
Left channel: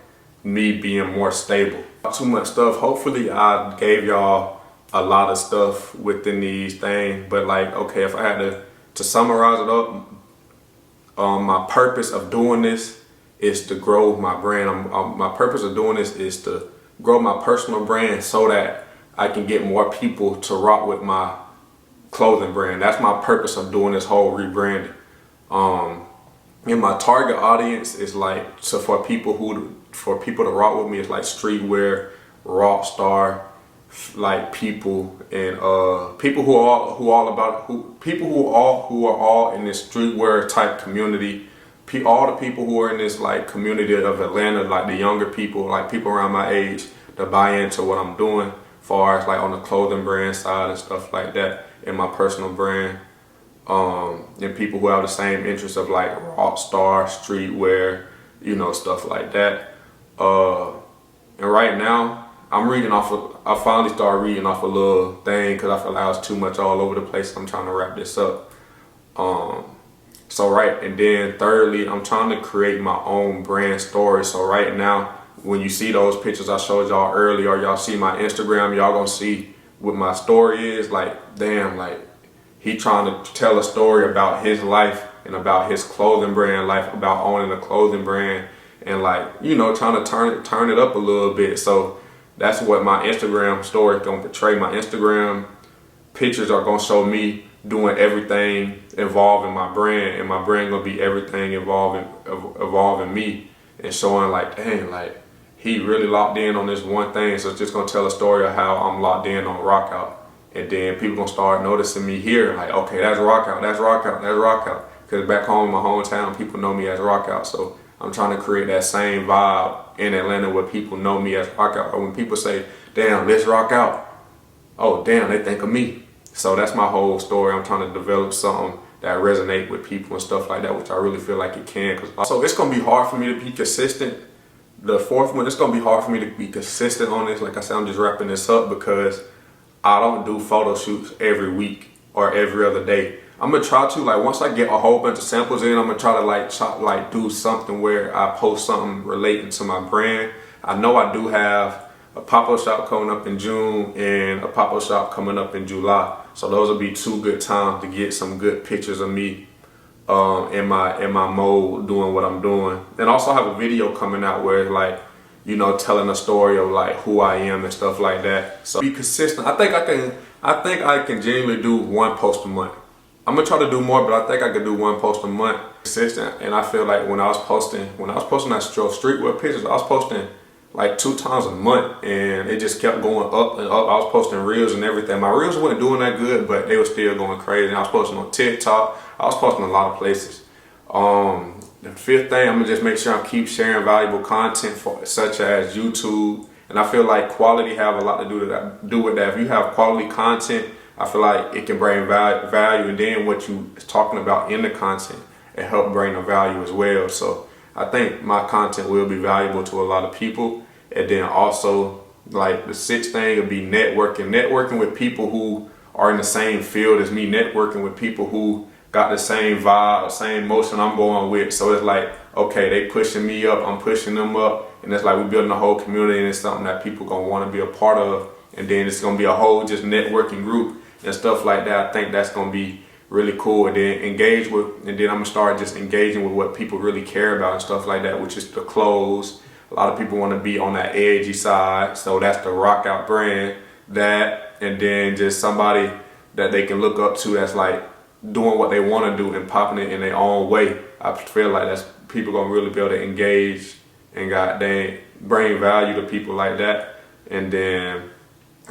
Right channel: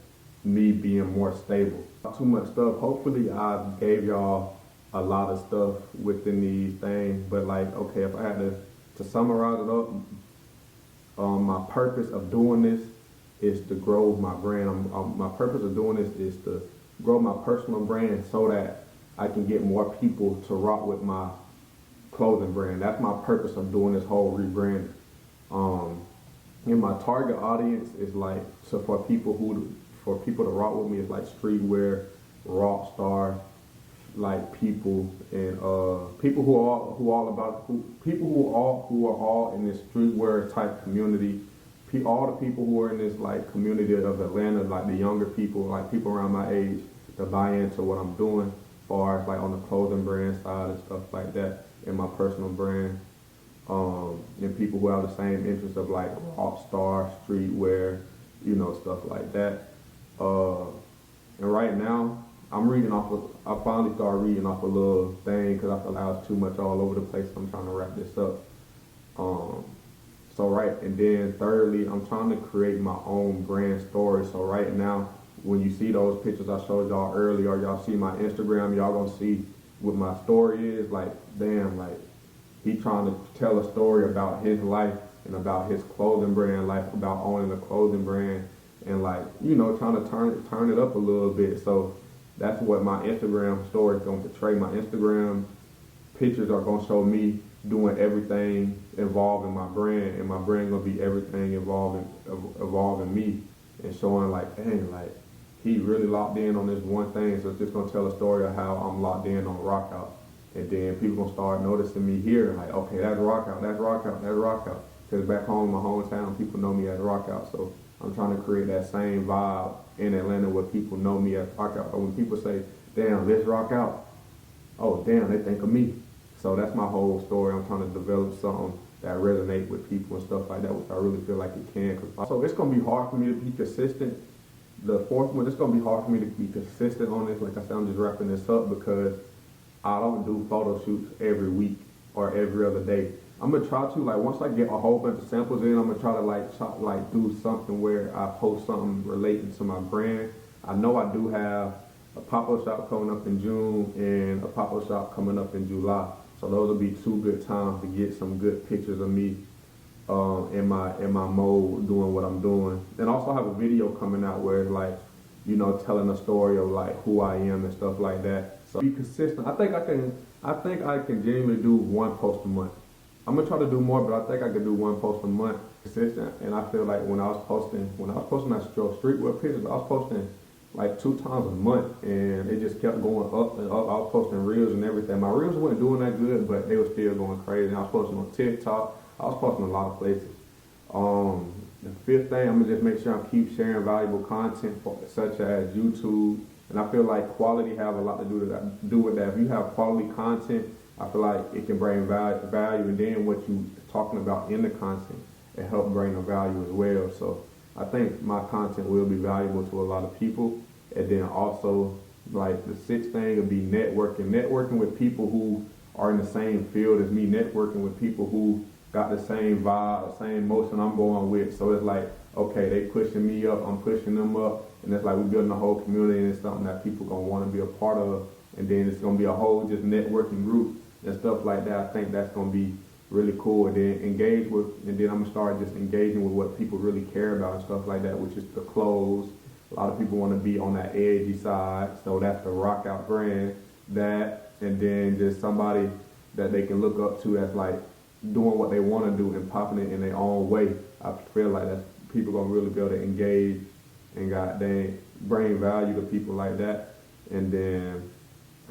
me being more stable. Too much stuff. Hopefully I gave y'all a lot of stuff within these things, but like, okay, if I had to summarize it up, my purpose of doing this is to grow my brand. My purpose of doing this is to grow my personal brand so that I can get more people to rock with my clothing brand. That's my purpose of doing this whole rebranding. And my target audience is like, so for people to rock with me, it's like streetwear, rock star, like people, and people who are all in this streetwear type community. All the people who are in this like community of Atlanta, like the younger people, like people around my age, to buy into what I'm doing, far as like on the clothing brand side and stuff like that, in my personal brand. And people who have the same interests of like rock star, streetwear, stuff like that. And right now, I finally started reading off a little thing because I feel like I was too much all over the place. I'm trying to wrap this up. And then thirdly, I'm trying to create my own brand story. So right now, when you see those pictures I showed y'all earlier, or y'all see my Instagram, y'all gonna see what my story is. Like, damn, like he trying to tell a story about his life and about his clothing brand life, about owning a clothing brand, and like, trying to turn it up a little bit. So that's what my Instagram story is gonna portray. My Instagram pictures are gonna show me doing everything involving my brand, and my brand gonna be everything involving me, and showing like, dang, like he really locked in on this one thing. So it's just gonna tell a story of how I'm locked in on rock out, and then people gonna start noticing me here, like, okay, that's rock out, that's rock out, that's rock out. Because back home in my hometown, people know me as rock out. So I'm trying to create that same vibe in Atlanta where people know me as rock out. Or when people say, damn, let's rock out, oh damn, they think of me. So that's my whole story. I'm trying to develop something that resonate with people and stuff like that, which I really feel like it can. So it's gonna be hard for me to be consistent. The fourth one, it's gonna be hard for me to be consistent on this. Like I said, I'm just wrapping this up because I don't do photo shoots every week or every other day. I'm gonna try to, like, once I get a whole bunch of samples in, I'm gonna try to do something where I post something relating to my brand. I know I do have a pop-up shop coming up in June and a pop-up shop coming up in July. So those will be 2 good times to get some good pictures of me in my mode doing what I'm doing. And also have a video coming out where it's like, telling a story of like who I am and stuff like that. So be consistent. I think I can genuinely do 1 post a month. I'm gonna try to do more, but I think I could do 1 post a month consistent. And I feel like when I was posting that streetwear pictures, I was posting like 2 times a month, and it just kept going up and up. I was posting reels and everything. My reels weren't doing that good, but they were still going crazy. And I was posting on TikTok. I was posting a lot of places. The fifth thing, I'm gonna just make sure I keep sharing valuable content such as YouTube. And I feel like quality have a lot to do with that. If you have quality content, I feel like it can bring value, and then what you is talking about in the content, it help bring the value as well. So I think my content will be valuable to a lot of people. And then also, like the sixth thing would be networking with people who are in the same field as me, networking with people who got the same vibe, the same motion I'm going with. So it's like, okay, they pushing me up, I'm pushing them up, and it's like we building a whole community, and it's something that people gonna want to be a part of. And then it's gonna be a whole just networking group and stuff like that. I think that's gonna be really cool. And then and then I'm gonna start just engaging with what people really care about and stuff like that, which is the clothes. A lot of people want to be on that edgy side, so that's the rock out brand. That, and then just somebody that they can look up to that's like doing what they want to do and popping it in their own way. I feel like that's people gonna really be able to engage and goddamn bring value to people like that. And then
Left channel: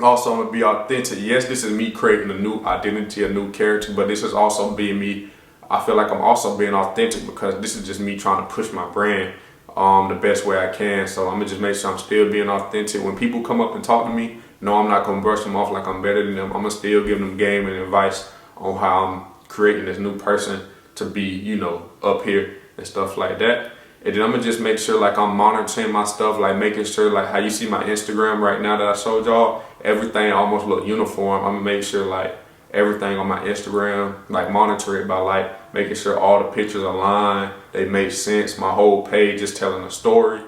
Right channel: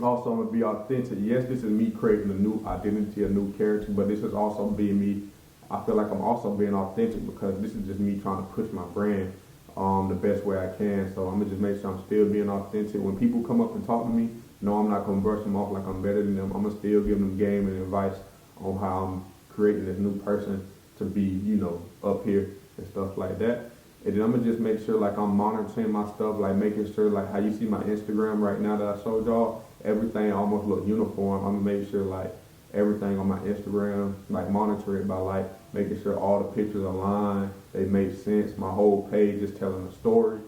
also I'm gonna be authentic. Yes, this is me creating a new identity, a new character, but this is also being me. I feel like I'm also being authentic because this is just me trying to push my brand the best way I can. So I'm gonna just make sure I'm still being authentic. When people come up and talk to me, no, I'm not gonna brush them off like I'm better than them. I'm gonna still give them game and advice on how I'm creating this new person to be, up here and stuff like that. And then I'm gonna just make sure like I'm monitoring my stuff, like making sure like how you see my Instagram right now that I showed y'all, everything almost look uniform. I'm gonna make sure like everything on my Instagram, like monitor it by like making sure all the pictures align, they make sense. My whole page is telling a story.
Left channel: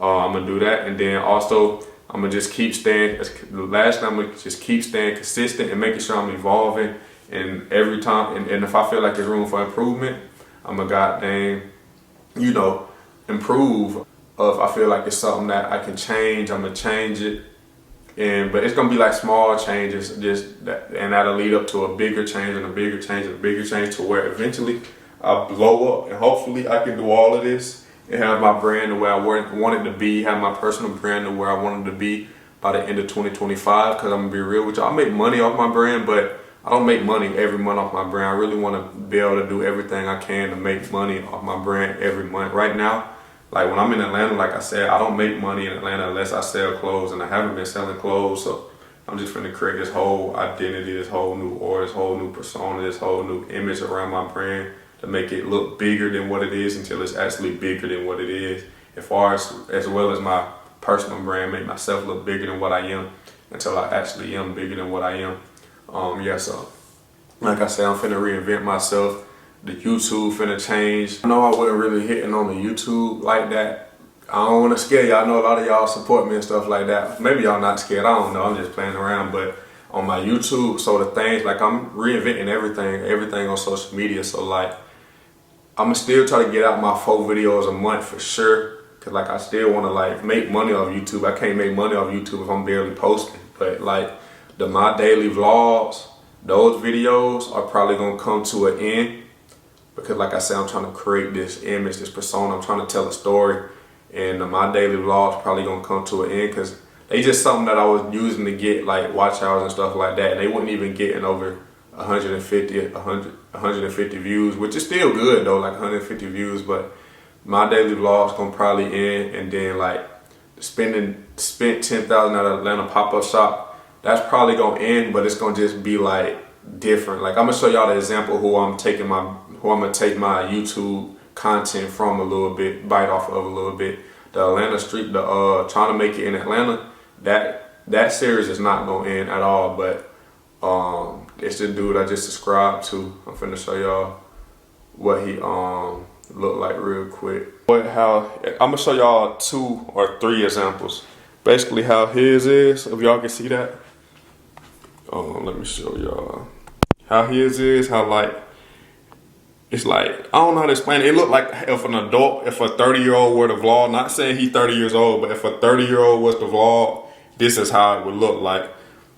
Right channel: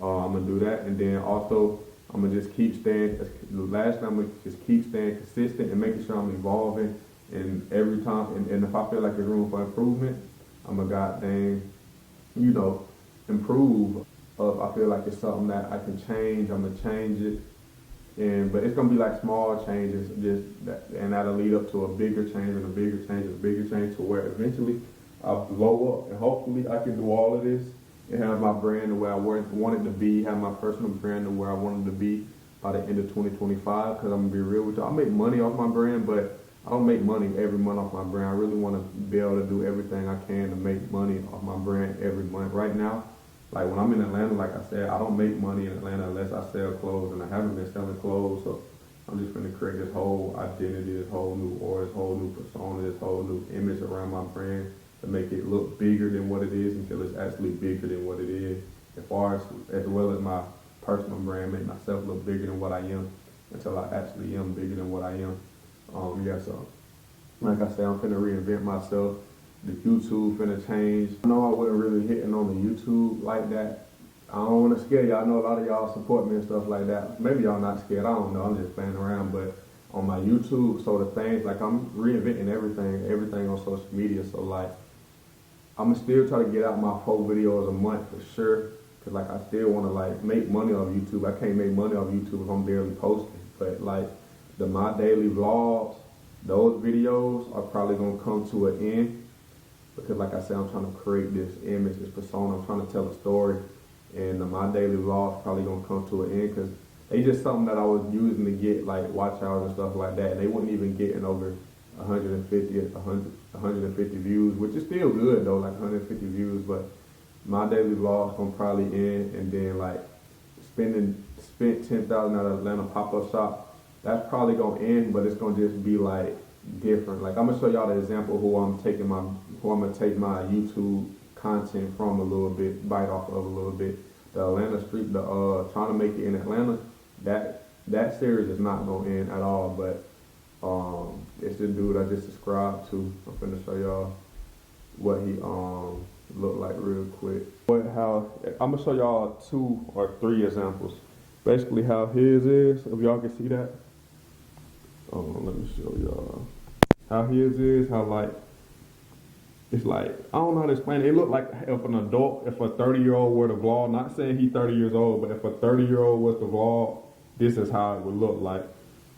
I'm gonna do that. And then also I'm gonna just keep staying, I'm gonna just keep staying consistent and making sure I'm evolving. And every time, and if I feel like there's room for improvement, I'm a goddamn, improve. If I feel like it's something that I can change, I'm gonna change it. But it's gonna be like small changes, and that'll lead up to a bigger change and a bigger change and a bigger change to where eventually I'll blow up. And hopefully I can do all of this and have my brand the way I want it to be, have my personal brand the way I want it to be by the end of 2025. Because I'm gonna be real with y'all, I make money off my brand, but I don't make money every month off my brand. I really want to be able to do everything I can to make money off my brand every month. Right now, like when I'm in Atlanta, like I said, I don't make money in Atlanta unless I sell clothes, and I haven't been selling clothes. So I'm just gonna create this whole identity, this whole new aura, this whole new persona, this whole new image around my brand to make it look bigger than what it is until it's actually bigger than what it is. As well as my personal brand, make myself look bigger than what I am until I actually am bigger than what I am. So like I said, I'm finna reinvent myself. The YouTube finna change. I know I wasn't really hitting on the YouTube like that. I don't wanna scare y'all. I know a lot of y'all support me and stuff like that. Maybe y'all not scared, I don't know, I'm just playing around. But on my YouTube, so the things, like I'm reinventing everything on social media. So like, I'ma still try to get out my 4 videos a month for sure. Cause like I still wanna like make money off YouTube. I can't make money off YouTube if I'm barely posting. But like, my daily vlogs, those videos are probably gonna come to an end because like I said, I'm trying to create this image, this persona, I'm trying to tell a story, and my daily vlogs probably gonna come to an end because they just something that I was using to get like watch hours and stuff like that, and they wouldn't even getting over 150 views, which is still good though, like 150 views, but my daily vlogs gonna probably end. And then like spent $10,000 at Atlanta pop-up shop, that's probably gonna end, but it's gonna just be like different. Like I'm gonna show y'all the example who I'm gonna take my YouTube content from a little bit, bite off of a little bit. The Atlanta Street, trying to make it in Atlanta, that series is not gonna end at all. But it's the dude I just subscribed to. I'm finna show y'all what he looked like real quick. I'm gonna show y'all 2 or 3 examples. Basically how his is, if y'all can see that. Let me show y'all how his is, how like, it's like, I don't know how to explain it. It looked like if a 30-year-old were to vlog, not saying he's 30 years old, but if a 30-year-old was to vlog, this is how it would look like.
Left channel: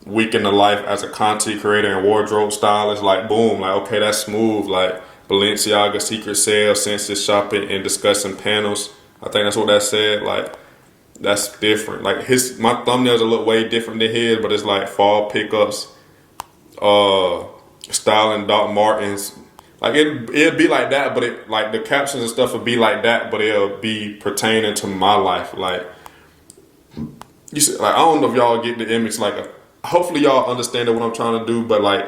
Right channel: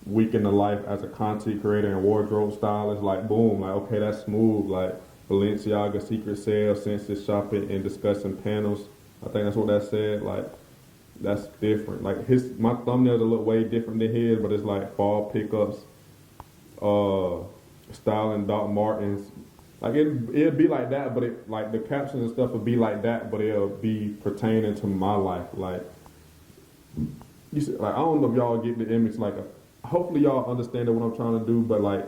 Week in the life as a content creator and wardrobe stylist, like boom, like okay, that's smooth, like Balenciaga secret sales, census shopping, and discussing panels. I think that's what that said, like, that's different. Like my thumbnails look way different than his, but it's like fall pickups, styling Doc Martens, Like it'd be like that, but it like the captions and stuff would be like that, but it'll be pertaining to my life. Like you see, like I don't know if y'all get the image. Like hopefully y'all understand what I'm trying to do, but like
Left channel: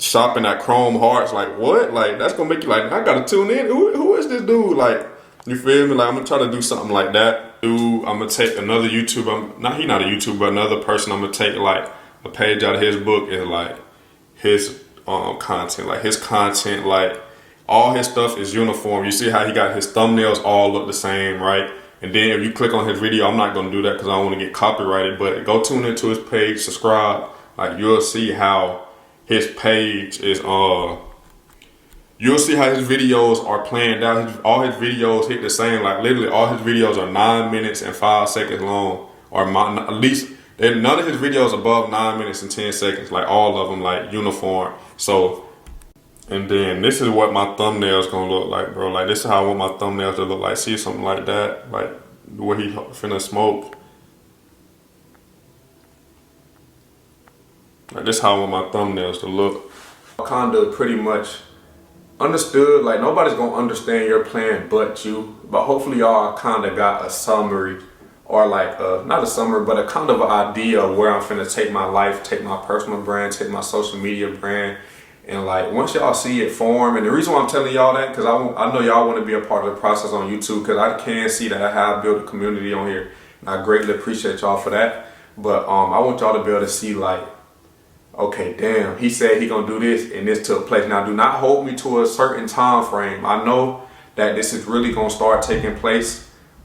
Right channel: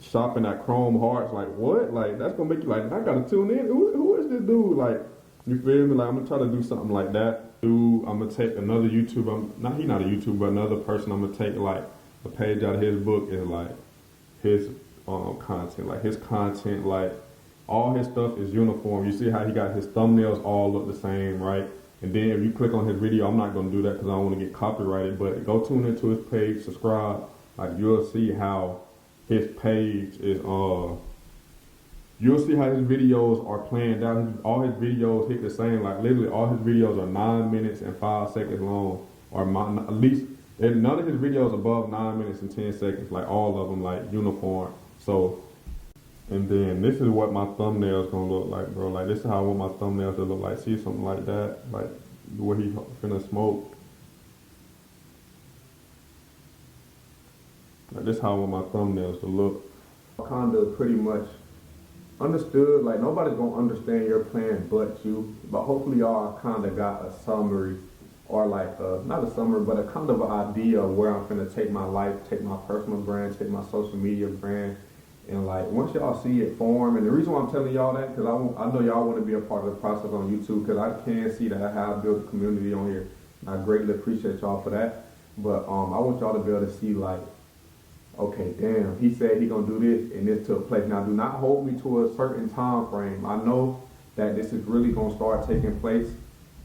shopping at Chrome Hearts, like what? Like that's gonna make you like I gotta tune in. Who is this dude? Like you feel me? Like I'm gonna try to do something like that. Dude, I'm gonna take another YouTuber. He not a YouTuber, but another person. I'm gonna take like a page out of his book and like his content. Like his content, like all his stuff is uniform. You see how he got his thumbnails all look the same, right? And then if you click on his video, I'm not gonna do that because I don't want to get copyrighted. But go tune into his page, subscribe. Like you'll see how his page is. You'll see how his videos are planned out. All his videos hit the same. Like literally, all his videos are 9 minutes and 5 seconds long, or at least none of his videos above 9 minutes and 10 seconds. Like all of them, like uniform. So, and then this is what my thumbnails gonna look like, bro. Like this is how I want my thumbnails to look like. See something like that, like where he finna smoke. Like this is how I want my thumbnails to look. Kinda pretty much understood. Like nobody's gonna understand your plan but you. But hopefully y'all kinda got a summary, or like not a summary, but a kind of an idea of where I'm finna take my life, take my personal brand, take my social media brand. And like once y'all see it form, and the reason why I'm telling y'all that, because I know y'all want to be a part of the process on YouTube, because I can see that I have built a community on here, and I greatly appreciate y'all for that. But I want y'all to be able to see like, okay, damn, he said he gonna do this, and this took place. Now, do not hold me to a certain time frame. I know that this is really gonna start taking place.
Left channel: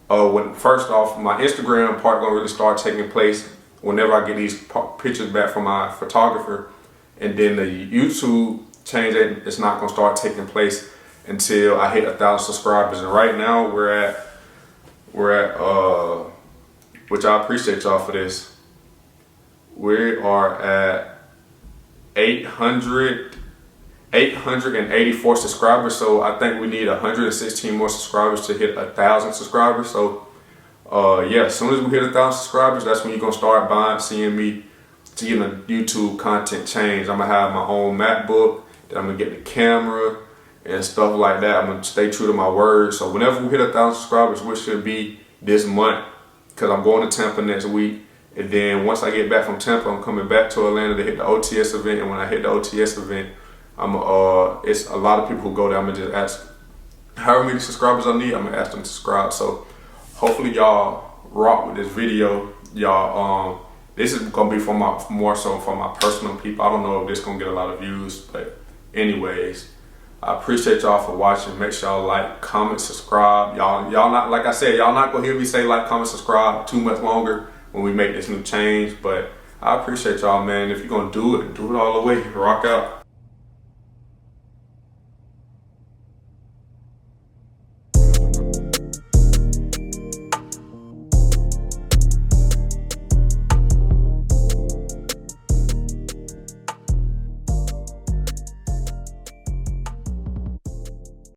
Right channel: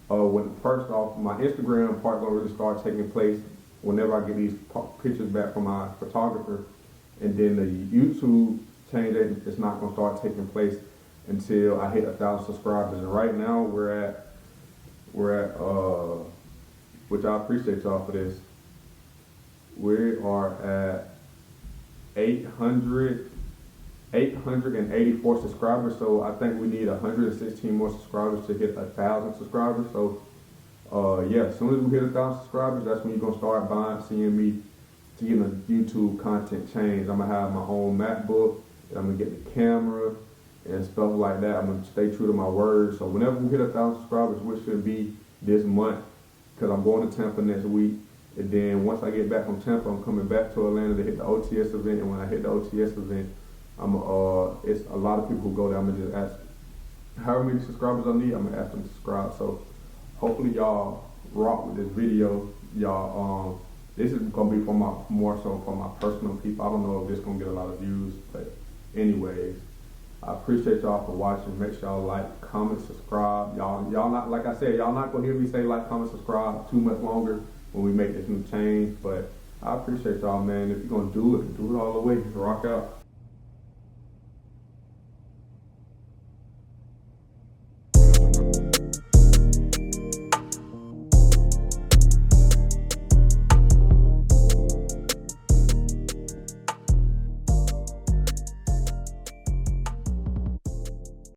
When first off, my Instagram part gonna really start taking place whenever I get these pictures back from my photographer. And then the YouTube change, it's not gonna start taking place until I hit 1,000 subscribers. And right now we're at which I appreciate y'all for this. We are at 884 subscribers. So I think we need 116 more subscribers to hit 1,000 subscribers. So yeah, as soon as we hit 1,000 subscribers, that's when you're gonna start seeing me. To get the YouTube content change. I'm gonna have my own MacBook, then I'm gonna get the camera and stuff like that. I'm gonna stay true to my word. So whenever we hit 1,000 subscribers, which should be this month, because I'm going to Tampa next week. And then once I get back from Tampa, I'm coming back to Atlanta to hit the OTS event. And when I hit the OTS event, it's a lot of people who go there. I'm gonna just ask however many subscribers I need. I'm gonna ask them to subscribe. So hopefully y'all rock with this video. Y'all this is gonna be more so for my personal people. I don't know if this gonna get a lot of views, but anyways, I appreciate y'all for watching. Make sure y'all like, comment, subscribe. Y'all not, like I said, y'all not gonna hear me say like, comment, subscribe too much longer when we make this new change. But I appreciate y'all, man. If you're gonna do it all the way. Rock out.